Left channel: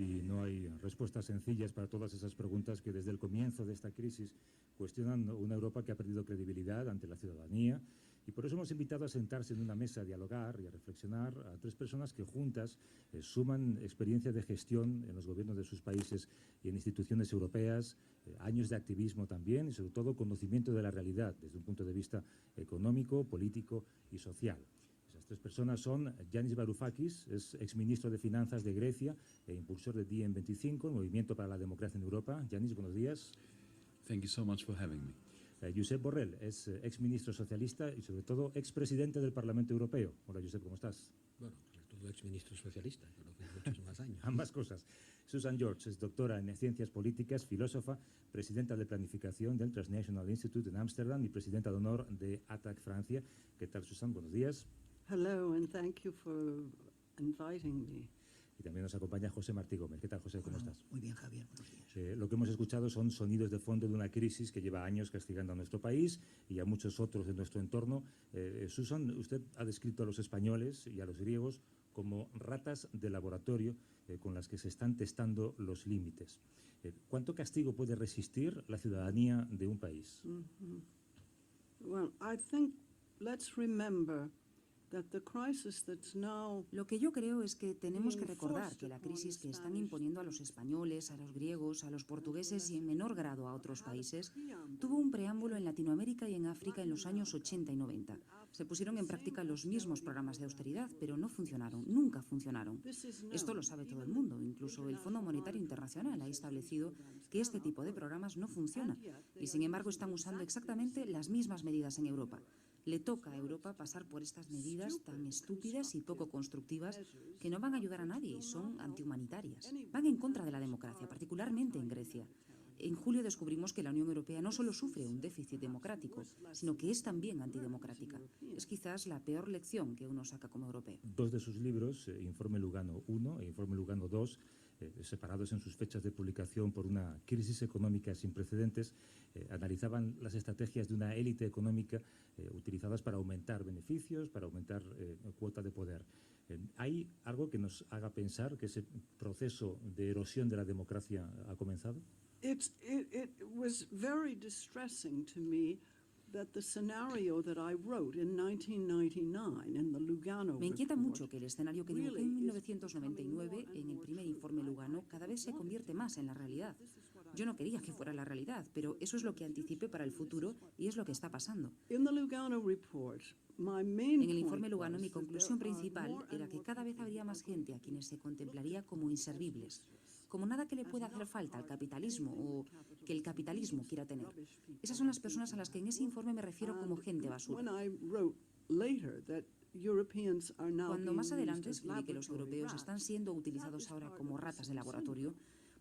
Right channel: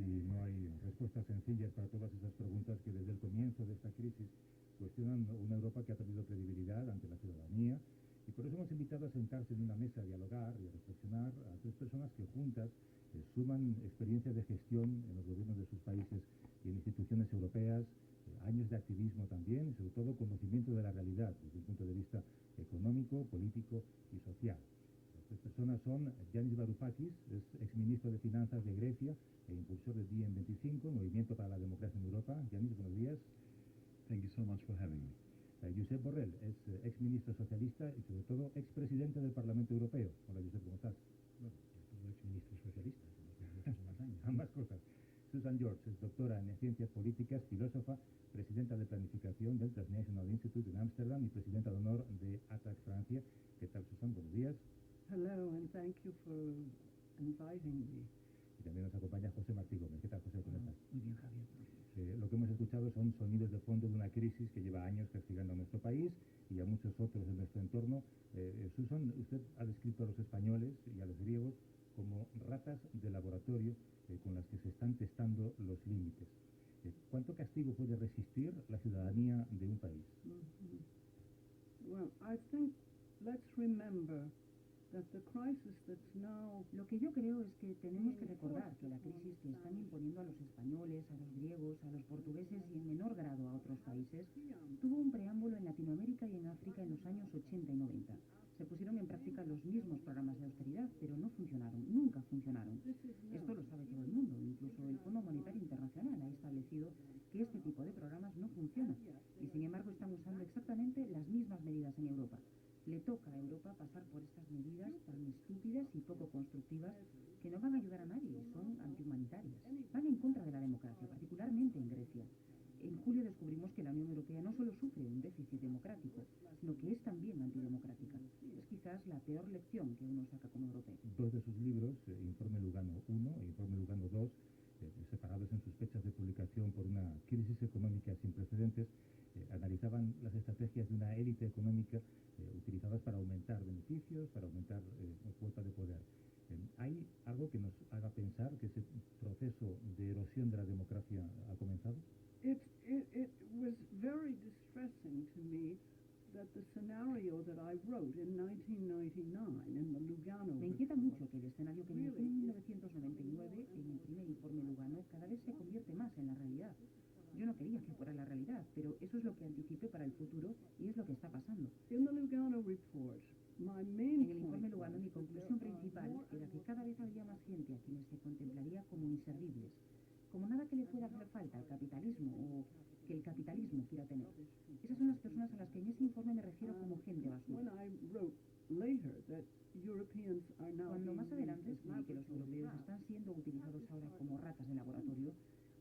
y no hay respuestas sencillas para todas esas preguntas que desde el comienzo de esta crisis cuestionan una Europa que ha perdido credibilidad ante la ciudadanía. Y por eso hemos invitado a sentarse en una mesa a dialogar y a reflexionar a tres personas que juntas suman experiencia de gestión en los gobiernos de sus países y en instituciones europeas, años de activismo también y sobre todo conocimiento de la realidad desde un punto de vista económico, político y social. Esas tres personas son Yanis Varoufakis, es exministro de Finanzas de Grecia e impulsor de DiEM25, Movimiento para la Democracia en Europa. Yanis, buenos días. Thank you so much for having me. Josep Borrell es exministro socialista y sobre todo expresidente del Parlamento Europeo. Hola Josep, ¿cómo estás? Bueno, sobre todo exministro socialista, yo creo que muchos más años. Ambas cosas. Susan George es doctora en ciencias políticas, filósofa, presidenta de planificación del Transnational Institute en Ámsterdam y presidenta de honor de ATTAC Francia. ¿Qué tal, Susan? Buenos días. Hello, and thank you for inviting me. Y también nos acompaña José Martí Gómez. ¿Qué tal, José? ¿Cómo estás? Muy bien, Javier. Buenos días. Lo que hemos escuchado son sonidos de fondo de una crisis que lleva años castigando a nuestro país y a muchos otros de nuestro entorno. Susan, usted ha descrito a los españoles y a los griegos como ratas de laboratorio con las que se están testando los límites. ¿Cuánto castigo puede resistir la ciudadanía de un país? Well, I think let's remember Lo que yo creo es que tenemos que recordar que la crisis que están imponiendo a los españoles, a los griegos, a los portugueses y en menor grado a otros países, tuvo un preámbulo en Latinoamérica y en África en los años 80 y 90. Se pusieron en práctica los mismos programas de austeridad, pero no funcionaron, nunca funcionaron. Esto lo sabe todo el mundo, incluso el Fondo Monetario Internacional ha establecido que este tipo de programas no funcionan y sin embargo están usando exactamente las mismas medidas en Europa. Le toca a Europa pasar por estas medidas tan estúpidas y poco constructivas que no van a ayudar a nadie y son antihumanitarias. Van en contra de la democracia, particularmente en Grecia. En julio descubrimos que la Unión Europea no solo sufre un déficit democrático, sino que es también antidemocrática. Es quizás la peor lección que uno saca como europeo. Dos de sus libros, Informe Lugano I e Informe Lugano II, separados en sus fechas de publicación por una crisis económica sin precedentes, analizaban las estrategias de una élite económica utilizadas para aumentar beneficios, para aumentar cuota de poder. ¿Hay algo que nos haga pensar que ese proceso de erosión de la democracia ha comenzado? It was very distressing to me that the scenario that I wrote in 1999 in the Lugano Me inquieta mucho que el escenario que dibujé en 1999 en el primer informe Lugano cada vez se convierte más en la realidad. Yo no quería que fuera la realidad, pero eso es lo que anticipé para el futuro y es lo que está pasando. En el informe Lugano mi conclusión principal era que cada vez habría más gente a quienes se contemplaría como inservibles, como nada que le pueda hacer falta al capitalismo o que el capitalismo quiera tener. Esas son las personas a las que en ese informe me refiero como gente basura. Cuando más adelante escribí que los europeos están siendo utilizados ahora como ratas de laboratorio,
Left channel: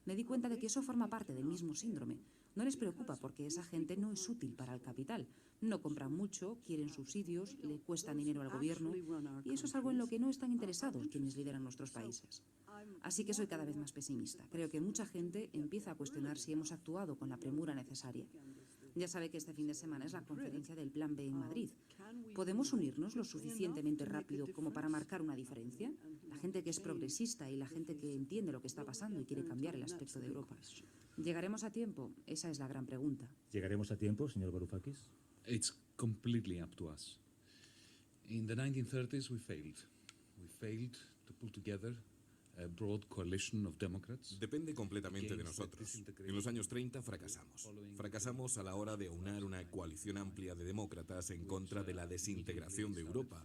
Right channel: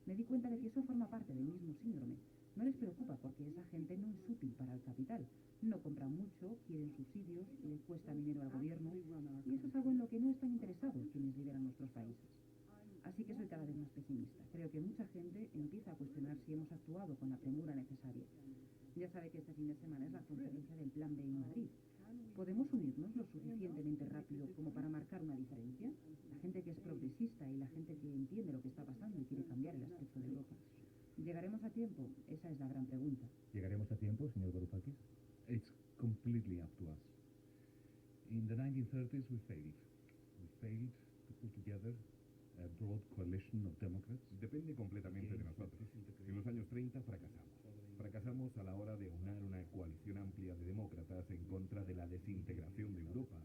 me di cuenta de que eso forma parte del mismo síndrome. No les preocupa porque esa gente no es útil para el capital. No compran mucho, quieren subsidios, le cuestan dinero al gobierno y eso es algo en lo que no están interesados quienes lideran nuestros países. Así que soy cada vez más pesimista. Creo que mucha gente empieza a cuestionar si hemos actuado con la premura necesaria. Ya sabe que este fin de semana es la conferencia del Plan B en Madrid. ¿Podemos unirnos lo suficientemente rápido como para marcar una diferencia? La gente que es progresista y la gente que entiende lo que está pasando y quiere cambiar el aspecto de Europa. ¿Llegaremos a tiempo? Esa es la gran pregunta. ¿Llegaremos a tiempo, señor Varoufakis? It's completely up to us. In the 1930s we failed. We failed to pull together a broad coalition of democrats. Depende completamente de nosotros. En los años 30 fracasamos. Fracasamos a la hora de unar una coalición amplia de demócratas en contra de la desintegración de Europa,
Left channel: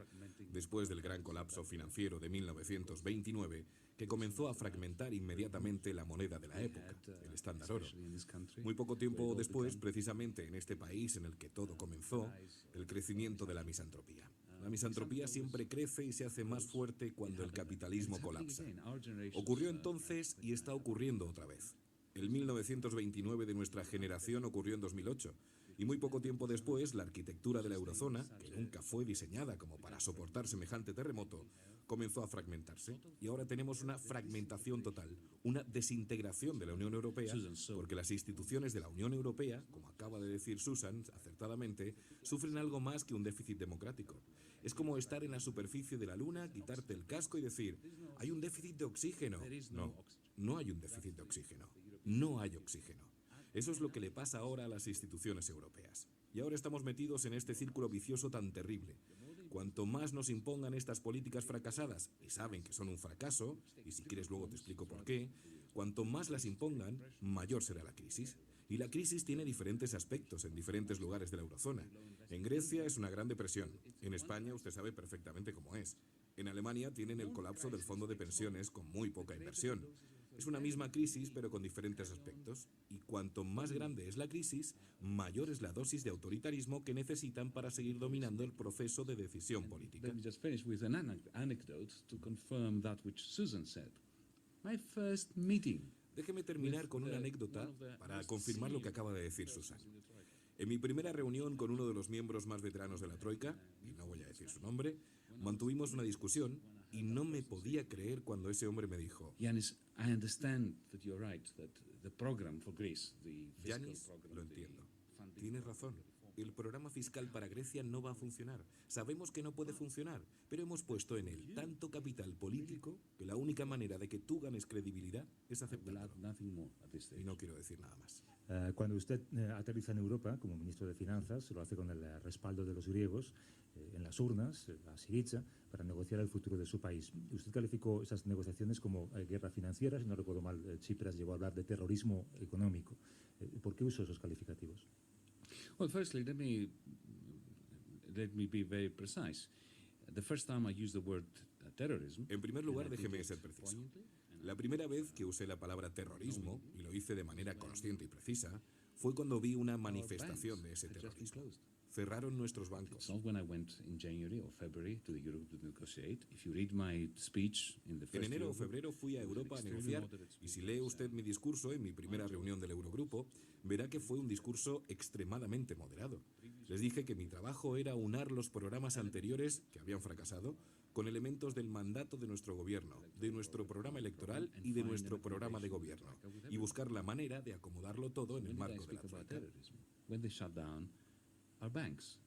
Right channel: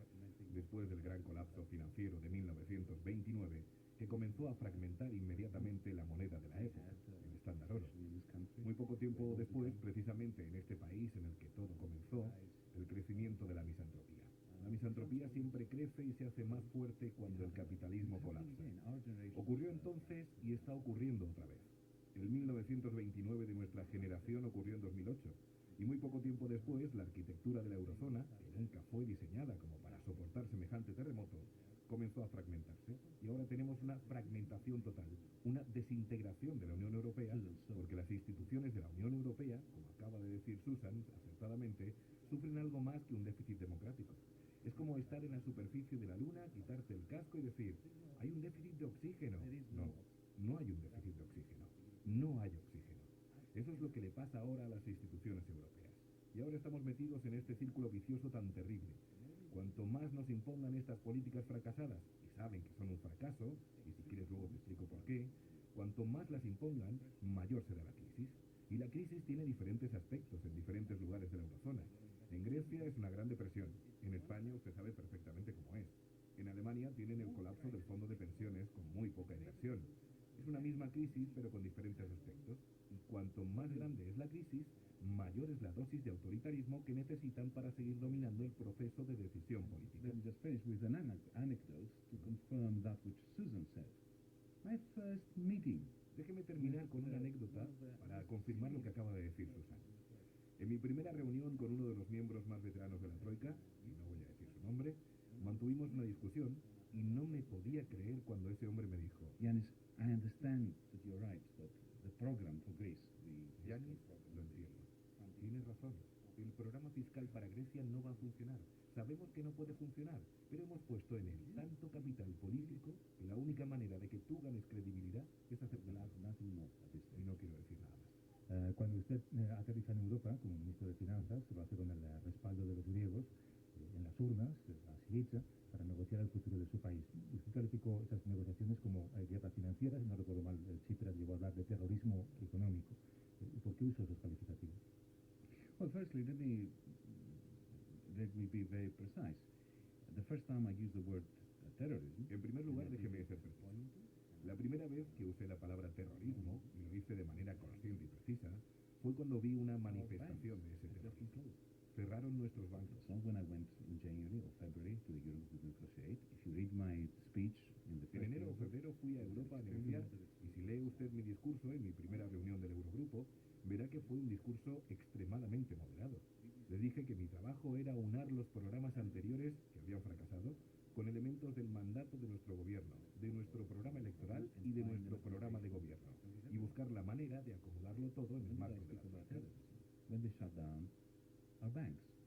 después del gran colapso financiero de 1929, que comenzó a fragmentar inmediatamente la moneda de la época, el estándar oro. Muy poco tiempo después, precisamente en este país en el que todo comenzó, el crecimiento de la misantropía. La misantropía siempre crece y se hace más fuerte cuando el capitalismo colapsa. Ocurrió entonces y está ocurriendo otra vez. El 1929 de nuestra generación ocurrió en 2008. Y muy poco tiempo después, la arquitectura de la eurozona, que nunca fue diseñada como para soportar semejante terremoto, comenzó a fragmentarse. Y ahora tenemos una fragmentación total, una desintegración de la Unión Europea, porque las instituciones de la Unión Europea, como acaba de decir Susan acertadamente, sufren algo más que un déficit democrático. Es como estar en la superficie de la Luna, quitarte el casco y decir, hay un déficit de oxígeno. No. no hay un déficit de oxígeno. No hay oxígeno. Eso es lo que le pasa ahora a las instituciones europeas. Y ahora estamos metidos en este círculo vicioso tan terrible. Cuanto más nos impongan estas políticas fracasadas, y saben que son un fracaso, y si quieres luego te explico por qué, cuanto más las impongan, mayor será la crisis. Y la crisis tiene diferentes aspectos en diferentes lugares de la eurozona. En Grecia es una gran depresión. En España usted sabe perfectamente cómo es. En Alemania tienen el colapso del fondo de pensiones con muy poca inversión. Es una misma crisis, pero con diferentes aspectos. Y cuanto más grande es la crisis, mayor es la dosis de autoritarismo que necesitan para seguir dominando el proceso de decisión política. Let me just finish with an anecdote to confirm that which Susan said. My first meeting. Déjeme terminar con una anécdota para confirmar lo que acaba de decir Susan. En mi primera reunión con uno de los miembros más veteranos de la Troika, y no voy a decir su nombre, mantuvimos una discusión y no me podía creer cuando ese hombre me dijo: Yanis, I understand that you're right, that the program for Greece, the fiscal Yanis, program, lo entiendo. Tienes razón. El programa fiscal para Grecia no va a funcionar. Sabemos que no puede funcionar, pero hemos puesto en él tanto capital político que la única manera de que tú ganes credibilidad es aceptarlo. nothing more at this stage. Y no quiero decir nada más. Cuando usted aterriza en Europa como ministro de Finanzas, lo hace con el respaldo de los griegos en las urnas, a Syriza, para negociar el futuro de su país. Usted calificó esas negociaciones como guerra financiera, si no recuerdo mal, Tsipras llegó a hablar de terrorismo económico. ¿Por qué usó esos calificativos? Well, firstly, let me be very precise. The first time I used the word terrorism. En primer lugar, déjeme ser preciso. La primera vez que usé la palabra terrorismo, y lo hice de manera consciente y precisa, fue cuando vi una manifestación de ese terrorismo. Cerraron nuestros bancos. It's not when I went in January or February to the Europe to negotiate. If you read my speech in the En first enero o Eurogroup, febrero fui a Europa a negociar, y si lee usted mi discurso en mi primera reunión del Eurogrupo, verá que fue un discurso extremadamente moderado. Les dije que mi trabajo era unar los programas anteriores, que habían fracasado, con elementos del mandato de nuestro gobierno, de nuestro programa electoral y de nuestro programa de gobierno, y buscar la manera de acomodarlo todo en el when did I marco de la speak about troika. terrorism? When they shut down our banks.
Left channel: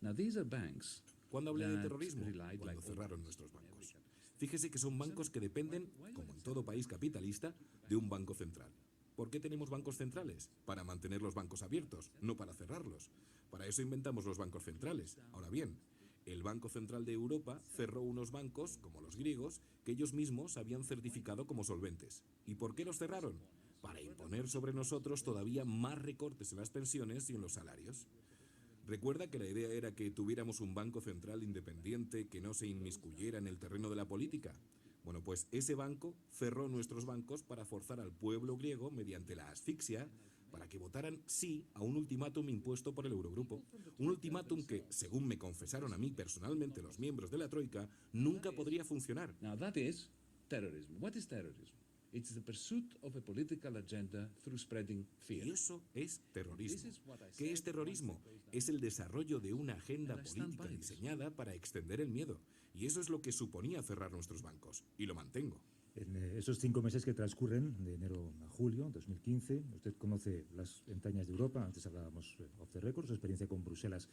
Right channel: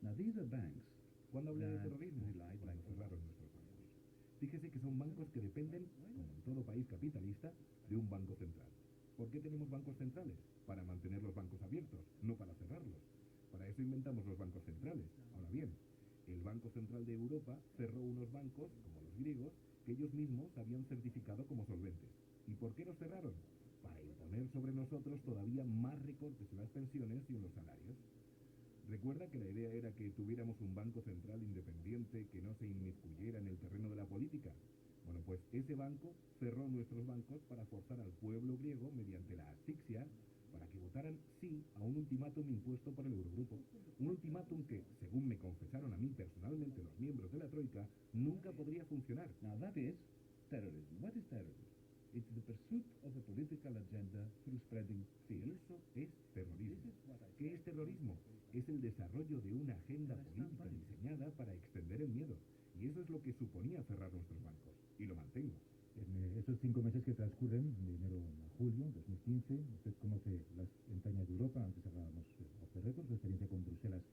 Now these are banks. ¿Cuándo hablé de that terrorismo? relied Cuando like cerraron nuestros bancos. Fíjese que son bancos que dependen, como en todo país capitalista, de un banco central. ¿Por qué tenemos bancos centrales? Para mantener los bancos abiertos, no para cerrarlos. Para eso inventamos los bancos centrales. Ahora bien, el Banco Central de Europa cerró unos bancos, como los griegos, que ellos mismos habían certificado como solventes. ¿Y por qué los cerraron? Para imponer sobre nosotros todavía más recortes en las pensiones y en los salarios. Recuerda que la idea era que tuviéramos un banco central independiente que no se inmiscuyera en el terreno de la política. Bueno, pues ese banco cerró nuestros bancos para forzar al pueblo griego, mediante la asfixia, para que votaran sí a un ultimátum impuesto por el Eurogrupo. Un ultimátum que, según me confesaron a mí personalmente los miembros de la Troika, nunca podría funcionar. Now that is terrorism. What is terrorism? It's the pursuit of a political agenda through spreading fear. Y eso es terrorismo. This is what I ¿Qué said es terrorismo? Es el desarrollo de una agenda And I stand política by it. diseñada para extender el miedo. Y eso es lo que suponía cerrar nuestros bancos. Y lo mantengo. En esos 5 meses que transcurren, de enero a julio 2015, usted conoce las entrañas de Europa, antes hablábamos off the record, su experiencia con Bruselas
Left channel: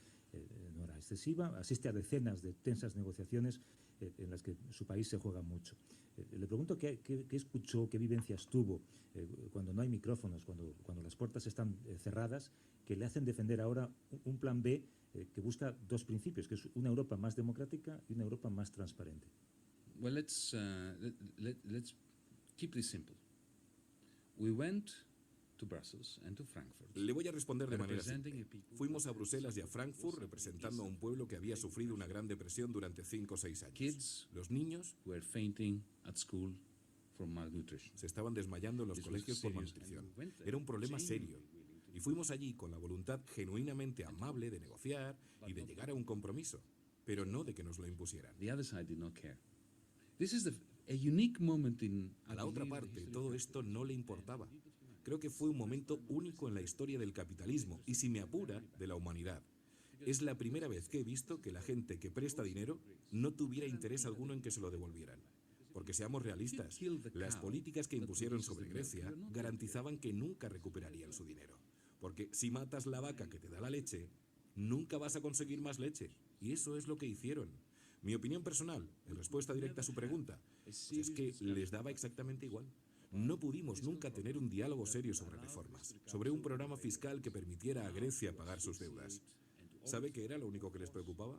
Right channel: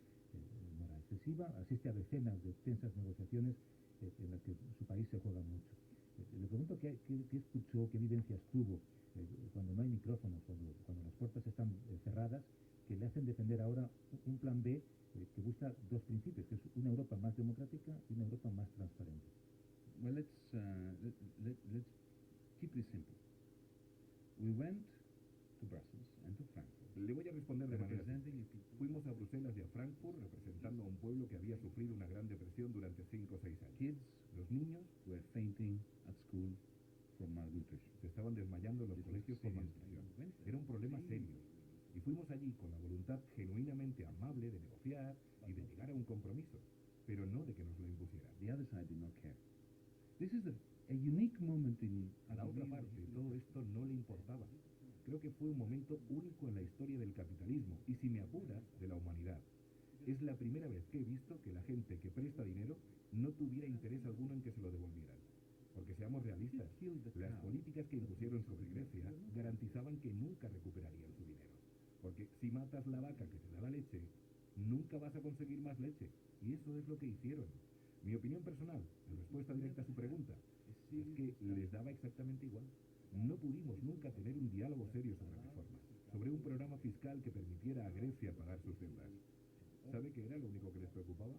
no era excesiva, asiste a decenas de tensas negociaciones en las que su país se juega mucho. Le pregunto qué escuchó, qué vivencias tuvo cuando no hay micrófonos, cuando las puertas están cerradas, que le hacen defender ahora un plan B que busca dos principios, que es una Europa más democrática y una Europa más transparente. Well, let's keep this simple. We went to Brussels and to Frankfurt. Le voy a responder de manera simple. representing a people. Fuimos a Bruselas y a Frankfurt representando a un pueblo que había sufrido una gran depresión durante 5 o 6 años. Kids Los niños were fainting at school from malnutrition. se estaban desmayando en los This was colegios por serious, malnutrición. and we went there Era un problema serio. genuinely. Y fuimos allí con la voluntad genuinamente amable de negociar y de llegar a un compromiso, pero no de que nos lo impusieran. The other side did not care. This is a unique moment in. A la otra parte, todo esto no le importaba. Creo que fue un momento único en la historia del capitalismo y, si me apura, de la humanidad. Es la primera vez que he visto que la gente que presta dinero no tuviera interés alguno en que se lo devolvieran. Porque seamos realistas, las políticas que impusieron sobre Grecia garantizaban que nunca recuperarían su dinero. Porque si matas la vaca que te da la leche, nunca vas a conseguir más leche. Y eso es lo que hicieron. Mi opinión personal, en respuesta directa a su pregunta, pues es que les daba exactamente igual. No pudimos nunca tener un diálogo serio sobre reformas, sobre un programa fiscal que permitiera a Grecia pagar sus deudas. ¿Sabe qué era lo único que les preocupaba?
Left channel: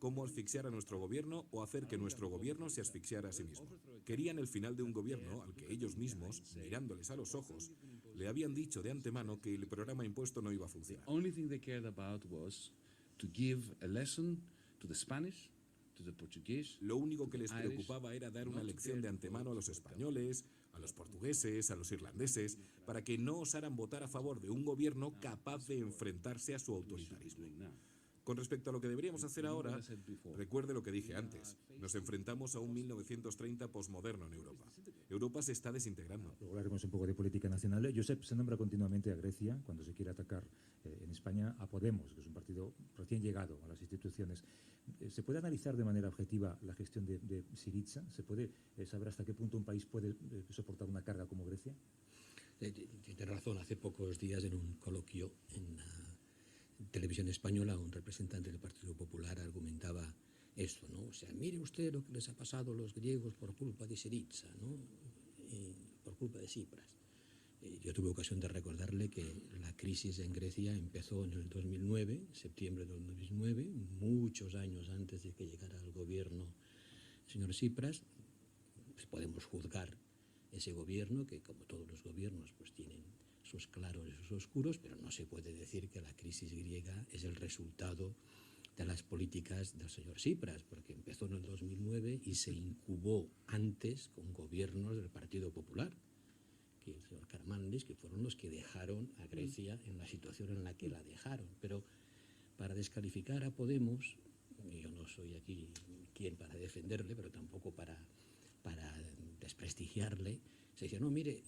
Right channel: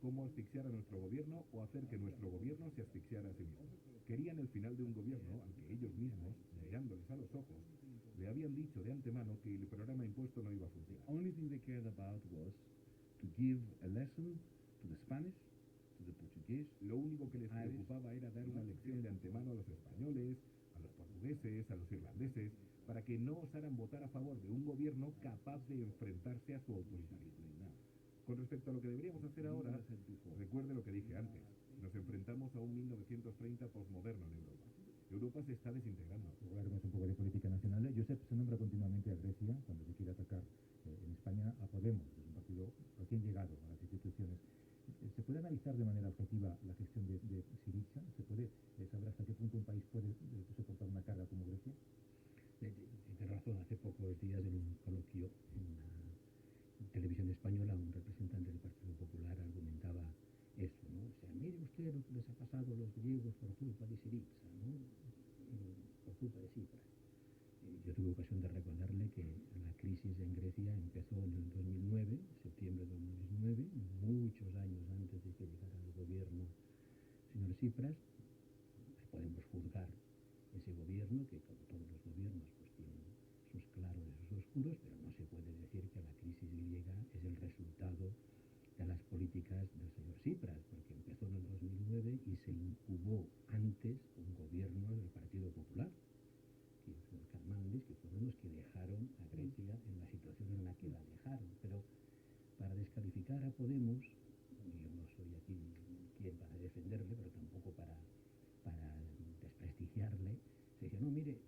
¿Cómo asfixiar a nuestro gobierno o hacer que nuestro gobierno se asfixiara a sí mismo? Querían el final de un gobierno al que ellos mismos, mirándoles a los ojos, le habían dicho de antemano que el programa impuesto no iba a funcionar. The only thing they cared about was to give a lesson to the Spanish, to the Portuguese. Lo único que les preocupaba era dar una lección de antemano a los españoles, a los portugueses, a los irlandeses, para que no osaran votar a favor de un gobierno capaz de enfrentarse a su autoritarismo. Con respecto a lo que deberíamos hacer ahora, recuerde lo que dije antes. Nos enfrentamos a un 1930 posmoderno en Europa. Europa se está desintegrando. Luego hablaremos un poco de política nacional. Josep, se nombra continuamente a Grecia cuando se quiere atacar en España a Podemos, que es un partido recién llegado a las instituciones. ¿Se puede analizar de manera objetiva la gestión de Syriza? ¿Se puede saber hasta qué punto un país puede soportar una carga como Grecia? Tiene razón. Hace pocos días, en un coloquio en televisión española, un representante del Partido Popular argumentaba esto, ¿no? O sea, mire usted lo que les ha pasado a los griegos por culpa de Syriza, ¿no? Por culpa de Tsipras. Yo tuve ocasión de recordarle que la crisis en Grecia empezó en el 2009, septiembre del 2009, muchos años antes de que llegara al gobierno el señor Tsipras. Pues podemos juzgar ese gobierno, que como todos los gobiernos pues tienen sus claros y sus oscuros, pero no se puede decir que la crisis griega es el resultado de las políticas del señor Tsipras, porque empezó en el 2009 y se incubó antes con gobiernos del Partido Popular, que el señor Karamanlis, que fueron los que dejaron a Grecia en la situación en la que la dejaron. Pero para descalificar a Podemos, yo no soy aquí quien para defenderle, pero tampoco para desprestigiarle, se dice, no, mire,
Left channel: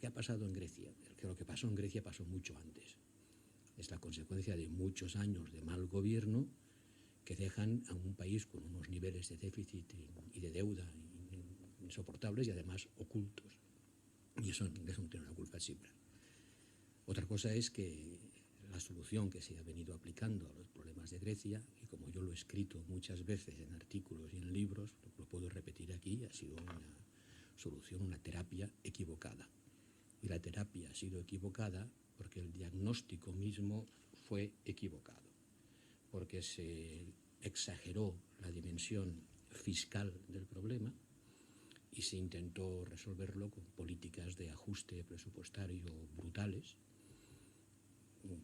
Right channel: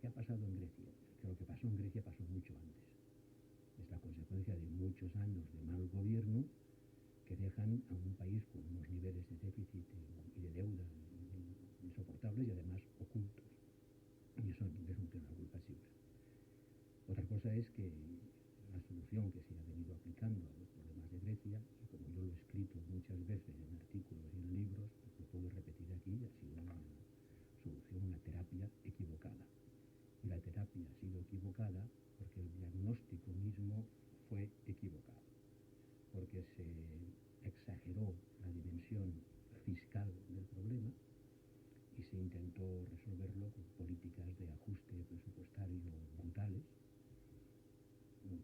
¿qué ha pasado en Grecia? Que lo que pasó en Grecia pasó mucho antes. Es la consecuencia de muchos años de mal gobierno que dejan a un país con unos niveles de déficit y de deuda insoportables y además ocultos. Y eso no tiene una culpa siempre. Otra cosa es que la solución que se ha venido aplicando a los problemas de Grecia, y como yo lo he escrito muchas veces en artículos y en libros, lo puedo repetir aquí, ha sido una solución, una terapia equivocada. Y la terapia ha sido equivocada porque el diagnóstico mismo fue equivocado, porque se exageró la dimensión fiscal del problema y se intentó resolverlo con políticas de ajuste presupuestario brutales.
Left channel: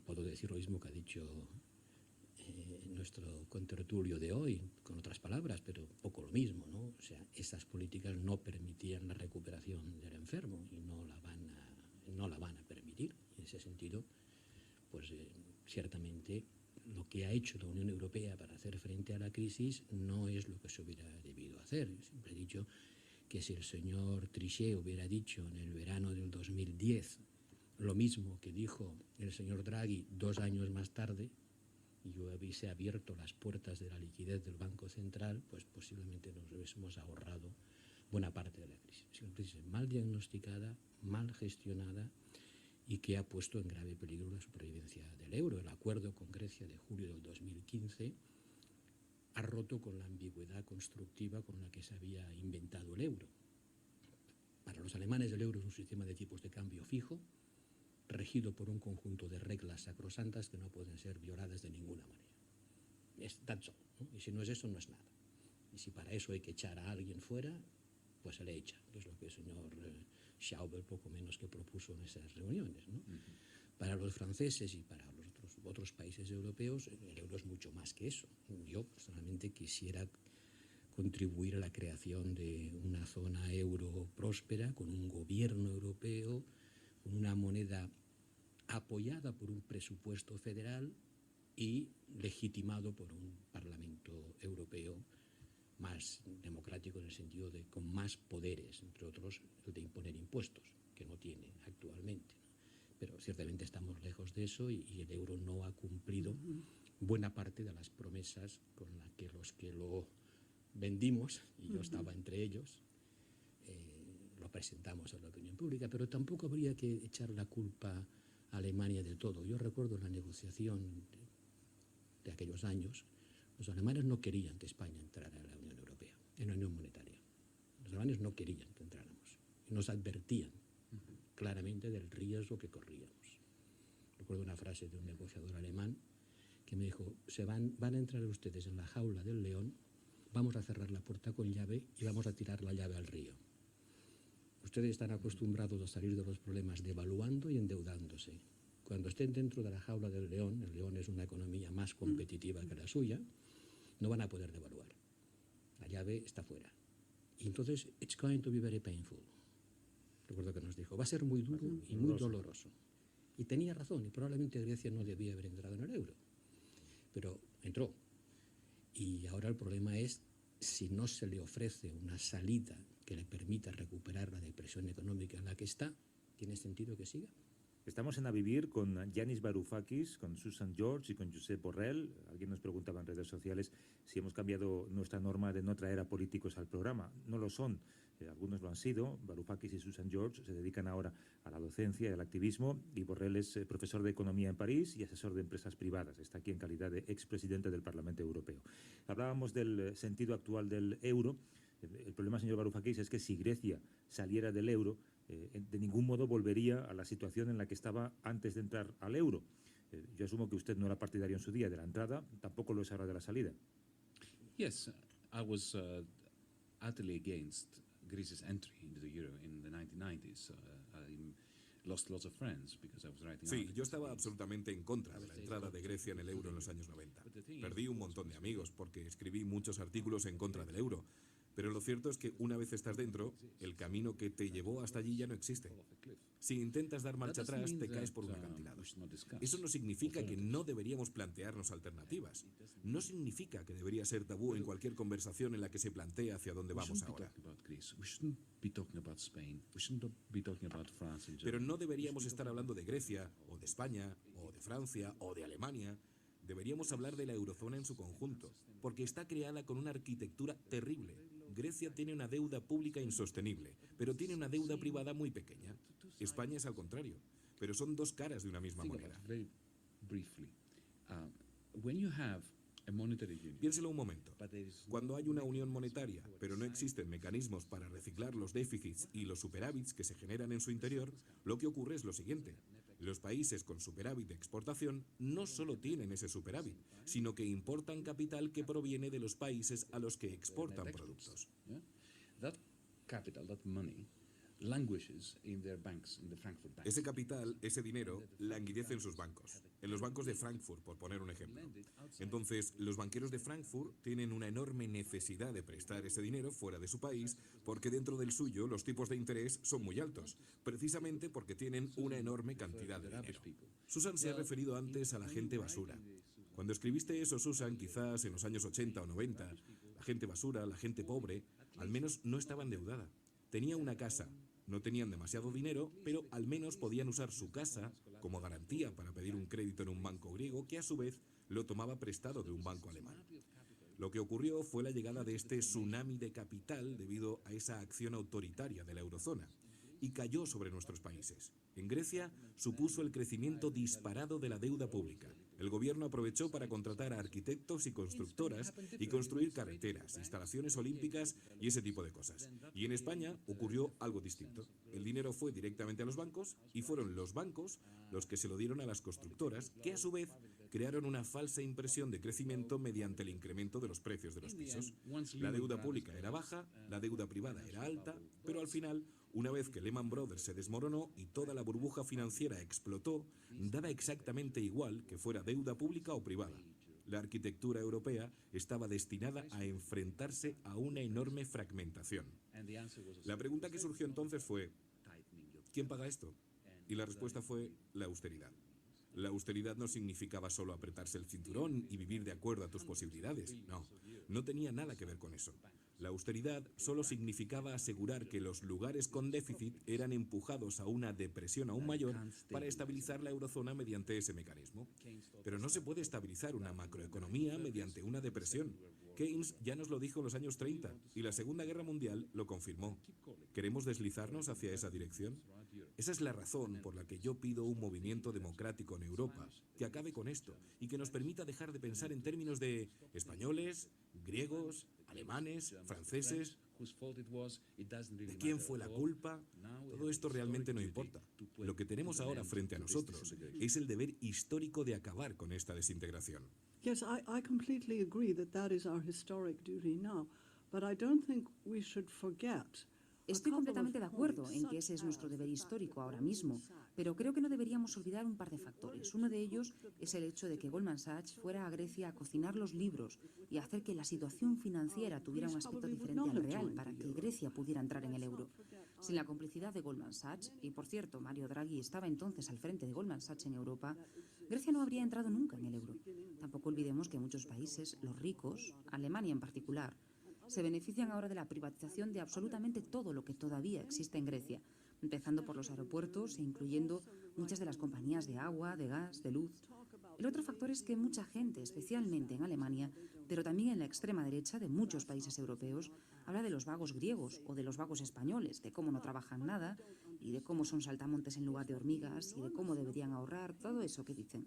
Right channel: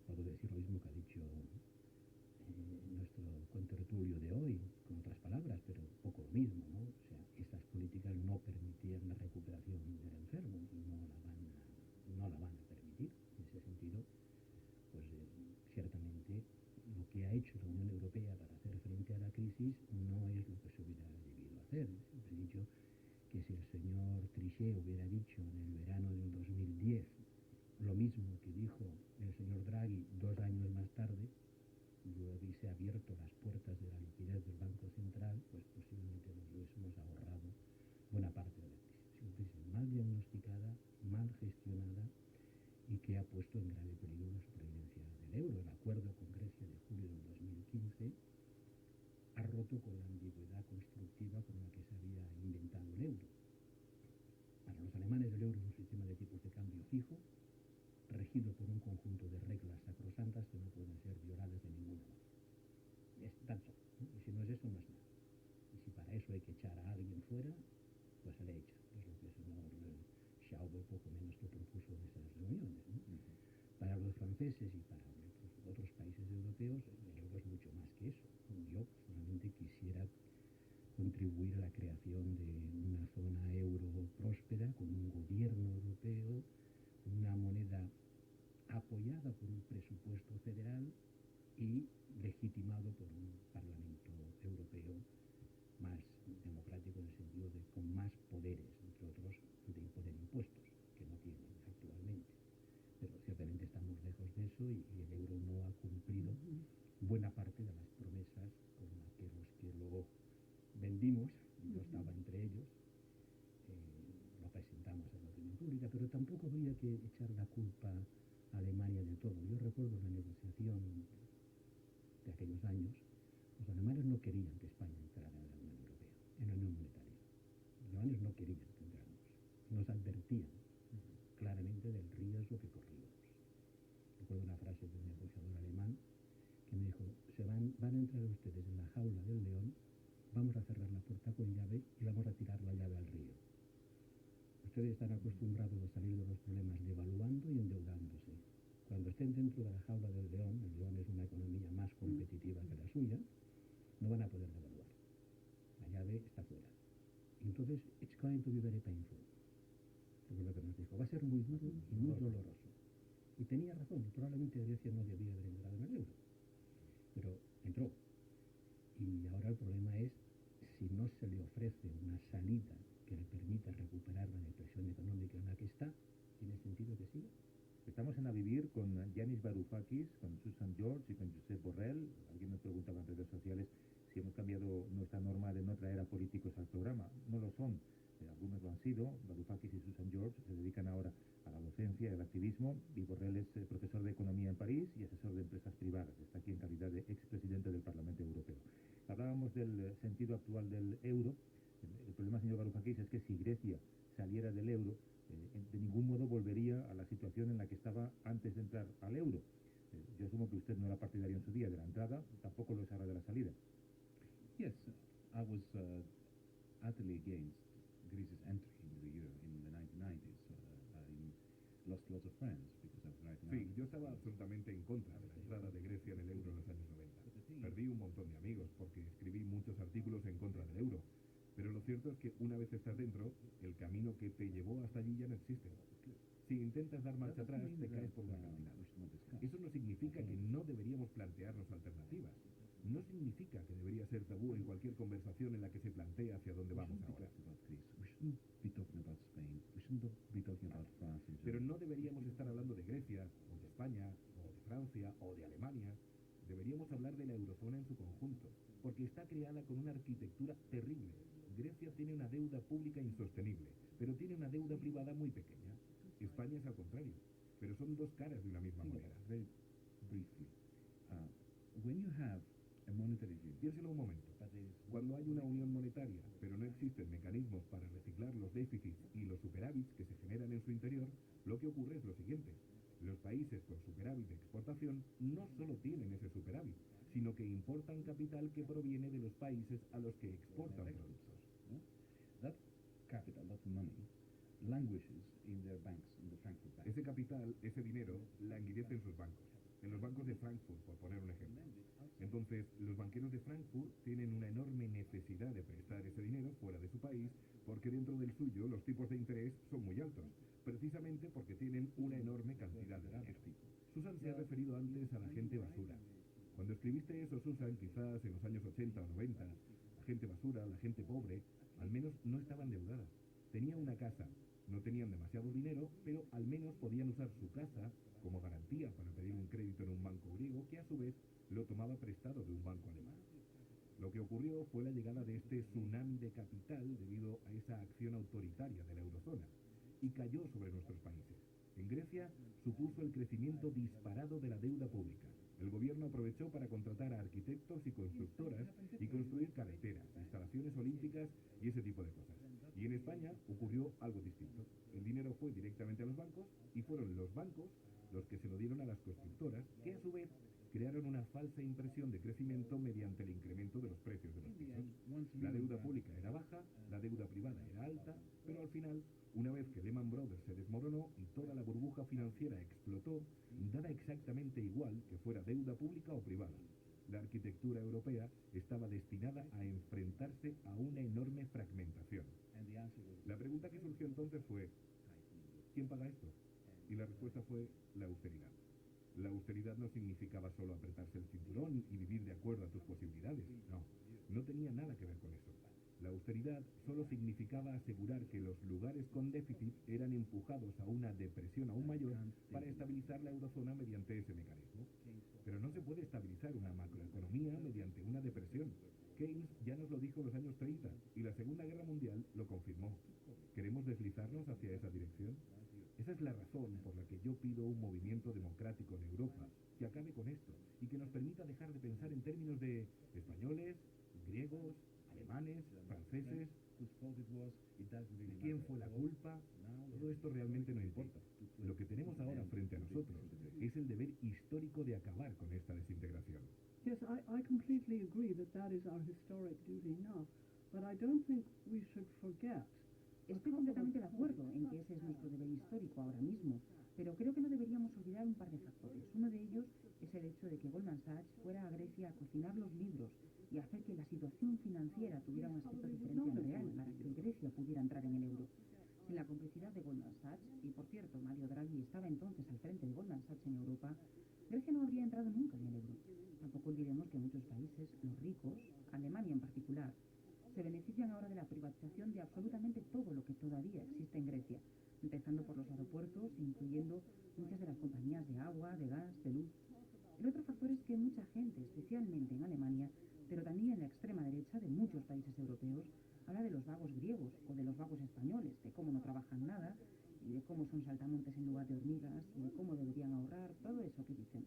Puedo decir lo mismo que ha dicho nuestro contertulio de hoy, con otras palabras, pero poco lo mismo, ¿no? O sea, estas políticas no permitían la recuperación del enfermo y no la van a permitir. En ese sentido, pues ciertamente lo que ha hecho la Unión Europea para hacer frente a la crisis no es lo que se hubiera debido hacer. Siempre he dicho que si el señor Trichet hubiera dicho en el verano del 2010 lo mismo que dijo el señor Draghi 2 años más tarde, y hubiese abierto las puertas de la liquidez del Banco Central, pues posiblemente nos hubiésemos ahorrado buena parte de la crisis. Es una crisis mal diagnosticada, mal gestionada y que ha puesto en grave peligro la supervivencia del euro. El acuerdo con Grecia de julio del 2015 ha roto con la ambigüedad constructiva con la que se había inventado el euro. Para los alemanes el euro es un sistema de tipos de cambio fijo, regido por un conjunto de reglas sacrosantas que no pueden ser violadas de ninguna manera. Es that's all, ¿no? Y si no es eso, no es nada. Y si para eso hay que echar a alguien fuera, pues se le echa. Es lo que el señor Schauble poco menos que propuso en esas reuniones, ¿no? Para los franceses y para los otros países europeos, el euro es mucho más que eso. Yo personalmente quisiera contribuir a la creación de una zona euro próspera, con un gobierno europeo, con una moneda apoyada por un presupuesto federal y legitimado por un Parlamento Europeo más democrático, en el sentido de con más poderes, entre otros el de imponer impuestos, que no tienen actualmente, ¿no? Pero ciertamente estamos lejos de eso y el euro no ha cumplido buena parte de las promesas con las que los que lo vendimos, y yo estaba entre ellos, lo presentamos a la opinión pública, pero tampoco habría que echar la culpa a Alemania del todo. Yo recuerdo la negociación de aquellos años. Los alemanes no querían que España entrara en la Unión Europea, en la Unión Monetaria. Los alemanes no querían que entráramos. Nos advertían claramente del riesgo que corríamos. Recuerdo una frase de un negociador alemán que me dijo: van a entrar ustedes en la jaula del león, vamos a cerrar la puerta con llave y vamos a tirar la llave al río. Ustedes están acostumbrados a salir de los problemas devaluando y endeudándose. Cuando estén dentro de la jaula del león, el león es una economía más competitiva que la suya, no van a poder devaluar. La llave está fuera. Y entonces, it's going to be very painful. Recuerdo que nos dijo, va a ser muy duro y muy doloroso. Y tenía razón, y probablemente Grecia no debía haber entrado en el euro. Pero entró. Y ahora el problema es si no se le ofrece una salida que le permita recuperar la depresión económica en la que está, ¿tiene sentido que siga? Estamos en A Vivir con Yanis Varoufakis, con Susan George y con Josep Borrell. Alguien nos preguntaba en redes sociales si hemos cambiado nuestra norma de no traer a políticos al programa. No lo son. Algunos lo han sido. Varoufakis y Susan George se dedican ahora a la docencia y al activismo, y Borrell es profesor de economía en París y asesor de empresas privadas. Está aquí en calidad de expresidente del Parlamento Europeo. Hablábamos del sentido actual del euro. El problema, señor Varoufakis, es que si Grecia saliera del euro, de ningún modo volvería a la situación en la que estaba antes de entrar al euro. Yo asumo que usted no era partidario en su día de la entrada, tampoco lo es ahora de la salida. Yes, I was utterly against Greece's entry into the euro in the 1990s. I lost lots of friends because I was writing Sí, articles yo estaba against absolutamente en contra de la entrada de Grecia en el euro en los años 90. Perdí un montón de amigos porque escribí muchos artículos en contra del euro. Pero lo cierto es que una vez estás dentro, el camino que te llevó hasta allí ya no existe. Si intentas dar marcha atrás, te caes por un acantilado. Eso no significa que no deberíamos plantearnos alternativas. No significa que debería ser tabú en cualquier conversación en la que se plantea hacia dónde vamos ahora. Pero no deberíamos estar hablando de Grecia, o de España, o de Francia, o de Alemania. Deberíamos hablar de la eurozona en su conjunto, porque está creada con una arquitectura terrible. Grecia tiene una deuda pública insostenible, pero tiene una deuda privada muy pequeña. España es al contrario, pero son dos caras de una misma moneda. Very briefly, when you have a monetary union, Piénselo un momento. Cuando hay una unión monetaria, pero no existen mecanismos para reciclar los déficits y los superávits que se generan en su interior, lo que ocurre es lo siguiente. Los países con superávit de exportación no solo tienen ese superávit, sino que importan capital que proviene de los países a los que exportan productos. that capital, that money, languishes in their banks, in the Frankfurt banks. Ese capital, ese dinero, languidece en sus bancos, en los bancos de Frankfurt, por poner un ejemplo. Entonces, los banqueros de Frankfurt tienen una enorme necesidad de prestar ese dinero fuera de su país, porque dentro del suyo los tipos de interés son muy altos, precisamente porque tienen una enorme cantidad de dinero. Susan se ha referido antes a la gente basura. Cuando escribiste eso, Susan, quizás en los años 80 o 90, la gente basura, la gente pobre, al menos no estaba endeudada. Tenía una casa. No tenían demasiado dinero, pero al menos podían usar su casa como garantía para pedir un crédito en un banco griego que a su vez lo tomaba prestado de un banco alemán. Lo que ocurrió fue la llegada de este tsunami de capital debido a esa acción autoritaria de la eurozona y cayó sobre nuestros países. En Grecia supuso el crecimiento disparado de la deuda pública. El gobierno aprovechó para contratar a arquitectos y constructoras y construir carreteras, instalaciones olímpicas y ese tipo de cosas. Y en España ocurrió algo distinto. El dinero fue directamente a los bancos y fueron los bancos los que se lo dieron a las constructoras, que a su vez crearon una falsa impresión de crecimiento mediante el incremento de los precios de los pisos. La deuda pública era baja, la deuda privada era alta, pero al final, una vez que Lehman Brothers se desmoronó y toda la burbuja financiera explotó, daba exactamente igual que fuera deuda pública o privada. La arquitectura europea estaba destinada a enfrentarse a una enorme fragmentación. La pregunta que surgió entonces fue, ¿quién paga esto? Y la respuesta fue la austeridad. La austeridad no significaba solo apretarse el cinturón y vivir de acuerdo a tus posibilidades. No, no tenía nada que ver con eso. La austeridad solo significaba asegurar que los lugares con déficit eran empujados a una depresión aún mayor para estabilizar la eurozona mediante ese mecanismo. Pero no se puede estabilizar una macroeconomía mediante una depresión. Keynes ya nos lo dijo en los años 30 y la Segunda Guerra Mundial lo confirmó. ¿Queremos deslizarnos hacia esa dirección? Esa es la razón por la que yo pido un movimiento democrático en Europa que acabe con esto y que nos permita dejar de pensar en términos de españoles, griegos, alemanes, franceses. ¿De quién fue la culpa? Todo esto realmente no importa. Lo que tenemos ahora frente a nosotros es el deber histórico de acabar con esta desintegración. Yes, I completely agree that that is our historic duty now, but I don't think we should forget. Estoy completamente de acuerdo en que ese es nuestro deber histórico ahora mismo, pero creo que no deberíamos olvidar un par de factores. Uno de ellos es el hecho de que Goldman Sachs fuera a Grecia a cocinar los libros y a hacer que la situación financiera tuviera un aspecto diferente al real para que Grecia pudiera entrar en el euro. Sin la complicidad de Goldman Sachs, y por cierto, Mario Draghi estaba entonces al frente de Goldman Sachs en Europa, Grecia no habría entrado nunca en el euro. Tampoco olvidemos que muchos países, los ricos, Alemania en particular, se benefician ahora de la privatización de absolutamente todo lo que todavía existe en Grecia, empezando por los aeropuertos e incluyendo muchas de las compañías de agua, de gas, de luz. El otro factor es que mucha gente, especialmente en Alemania, pero también en la extrema derecha de muchos países europeos, habla de los vagos griegos o de los vagos españoles, de cómo no trabajan nada y de cómo son saltamontes en lugar de hormigas y de cómo deberían ahorrar, todo eso que dicen.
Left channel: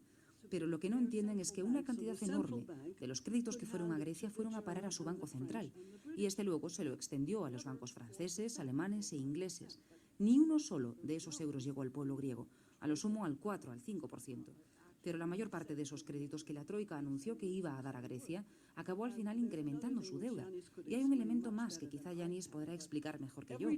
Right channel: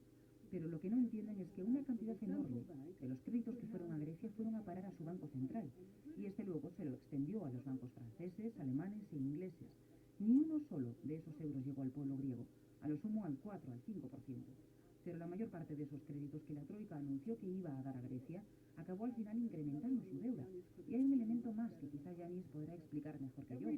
Pero lo que no entienden es que una cantidad enorme de los créditos que fueron a Grecia fueron a parar a su banco central y este luego se lo extendió a los bancos franceses, alemanes e ingleses. Ni uno solo de esos euros llegó al pueblo griego, a lo sumo al 4, al 5%. Pero la mayor parte de esos créditos que la Troika anunció que iba a dar a Grecia acabó al final incrementando su deuda. Y hay un elemento más que quizá Yanis podrá explicar mejor que yo.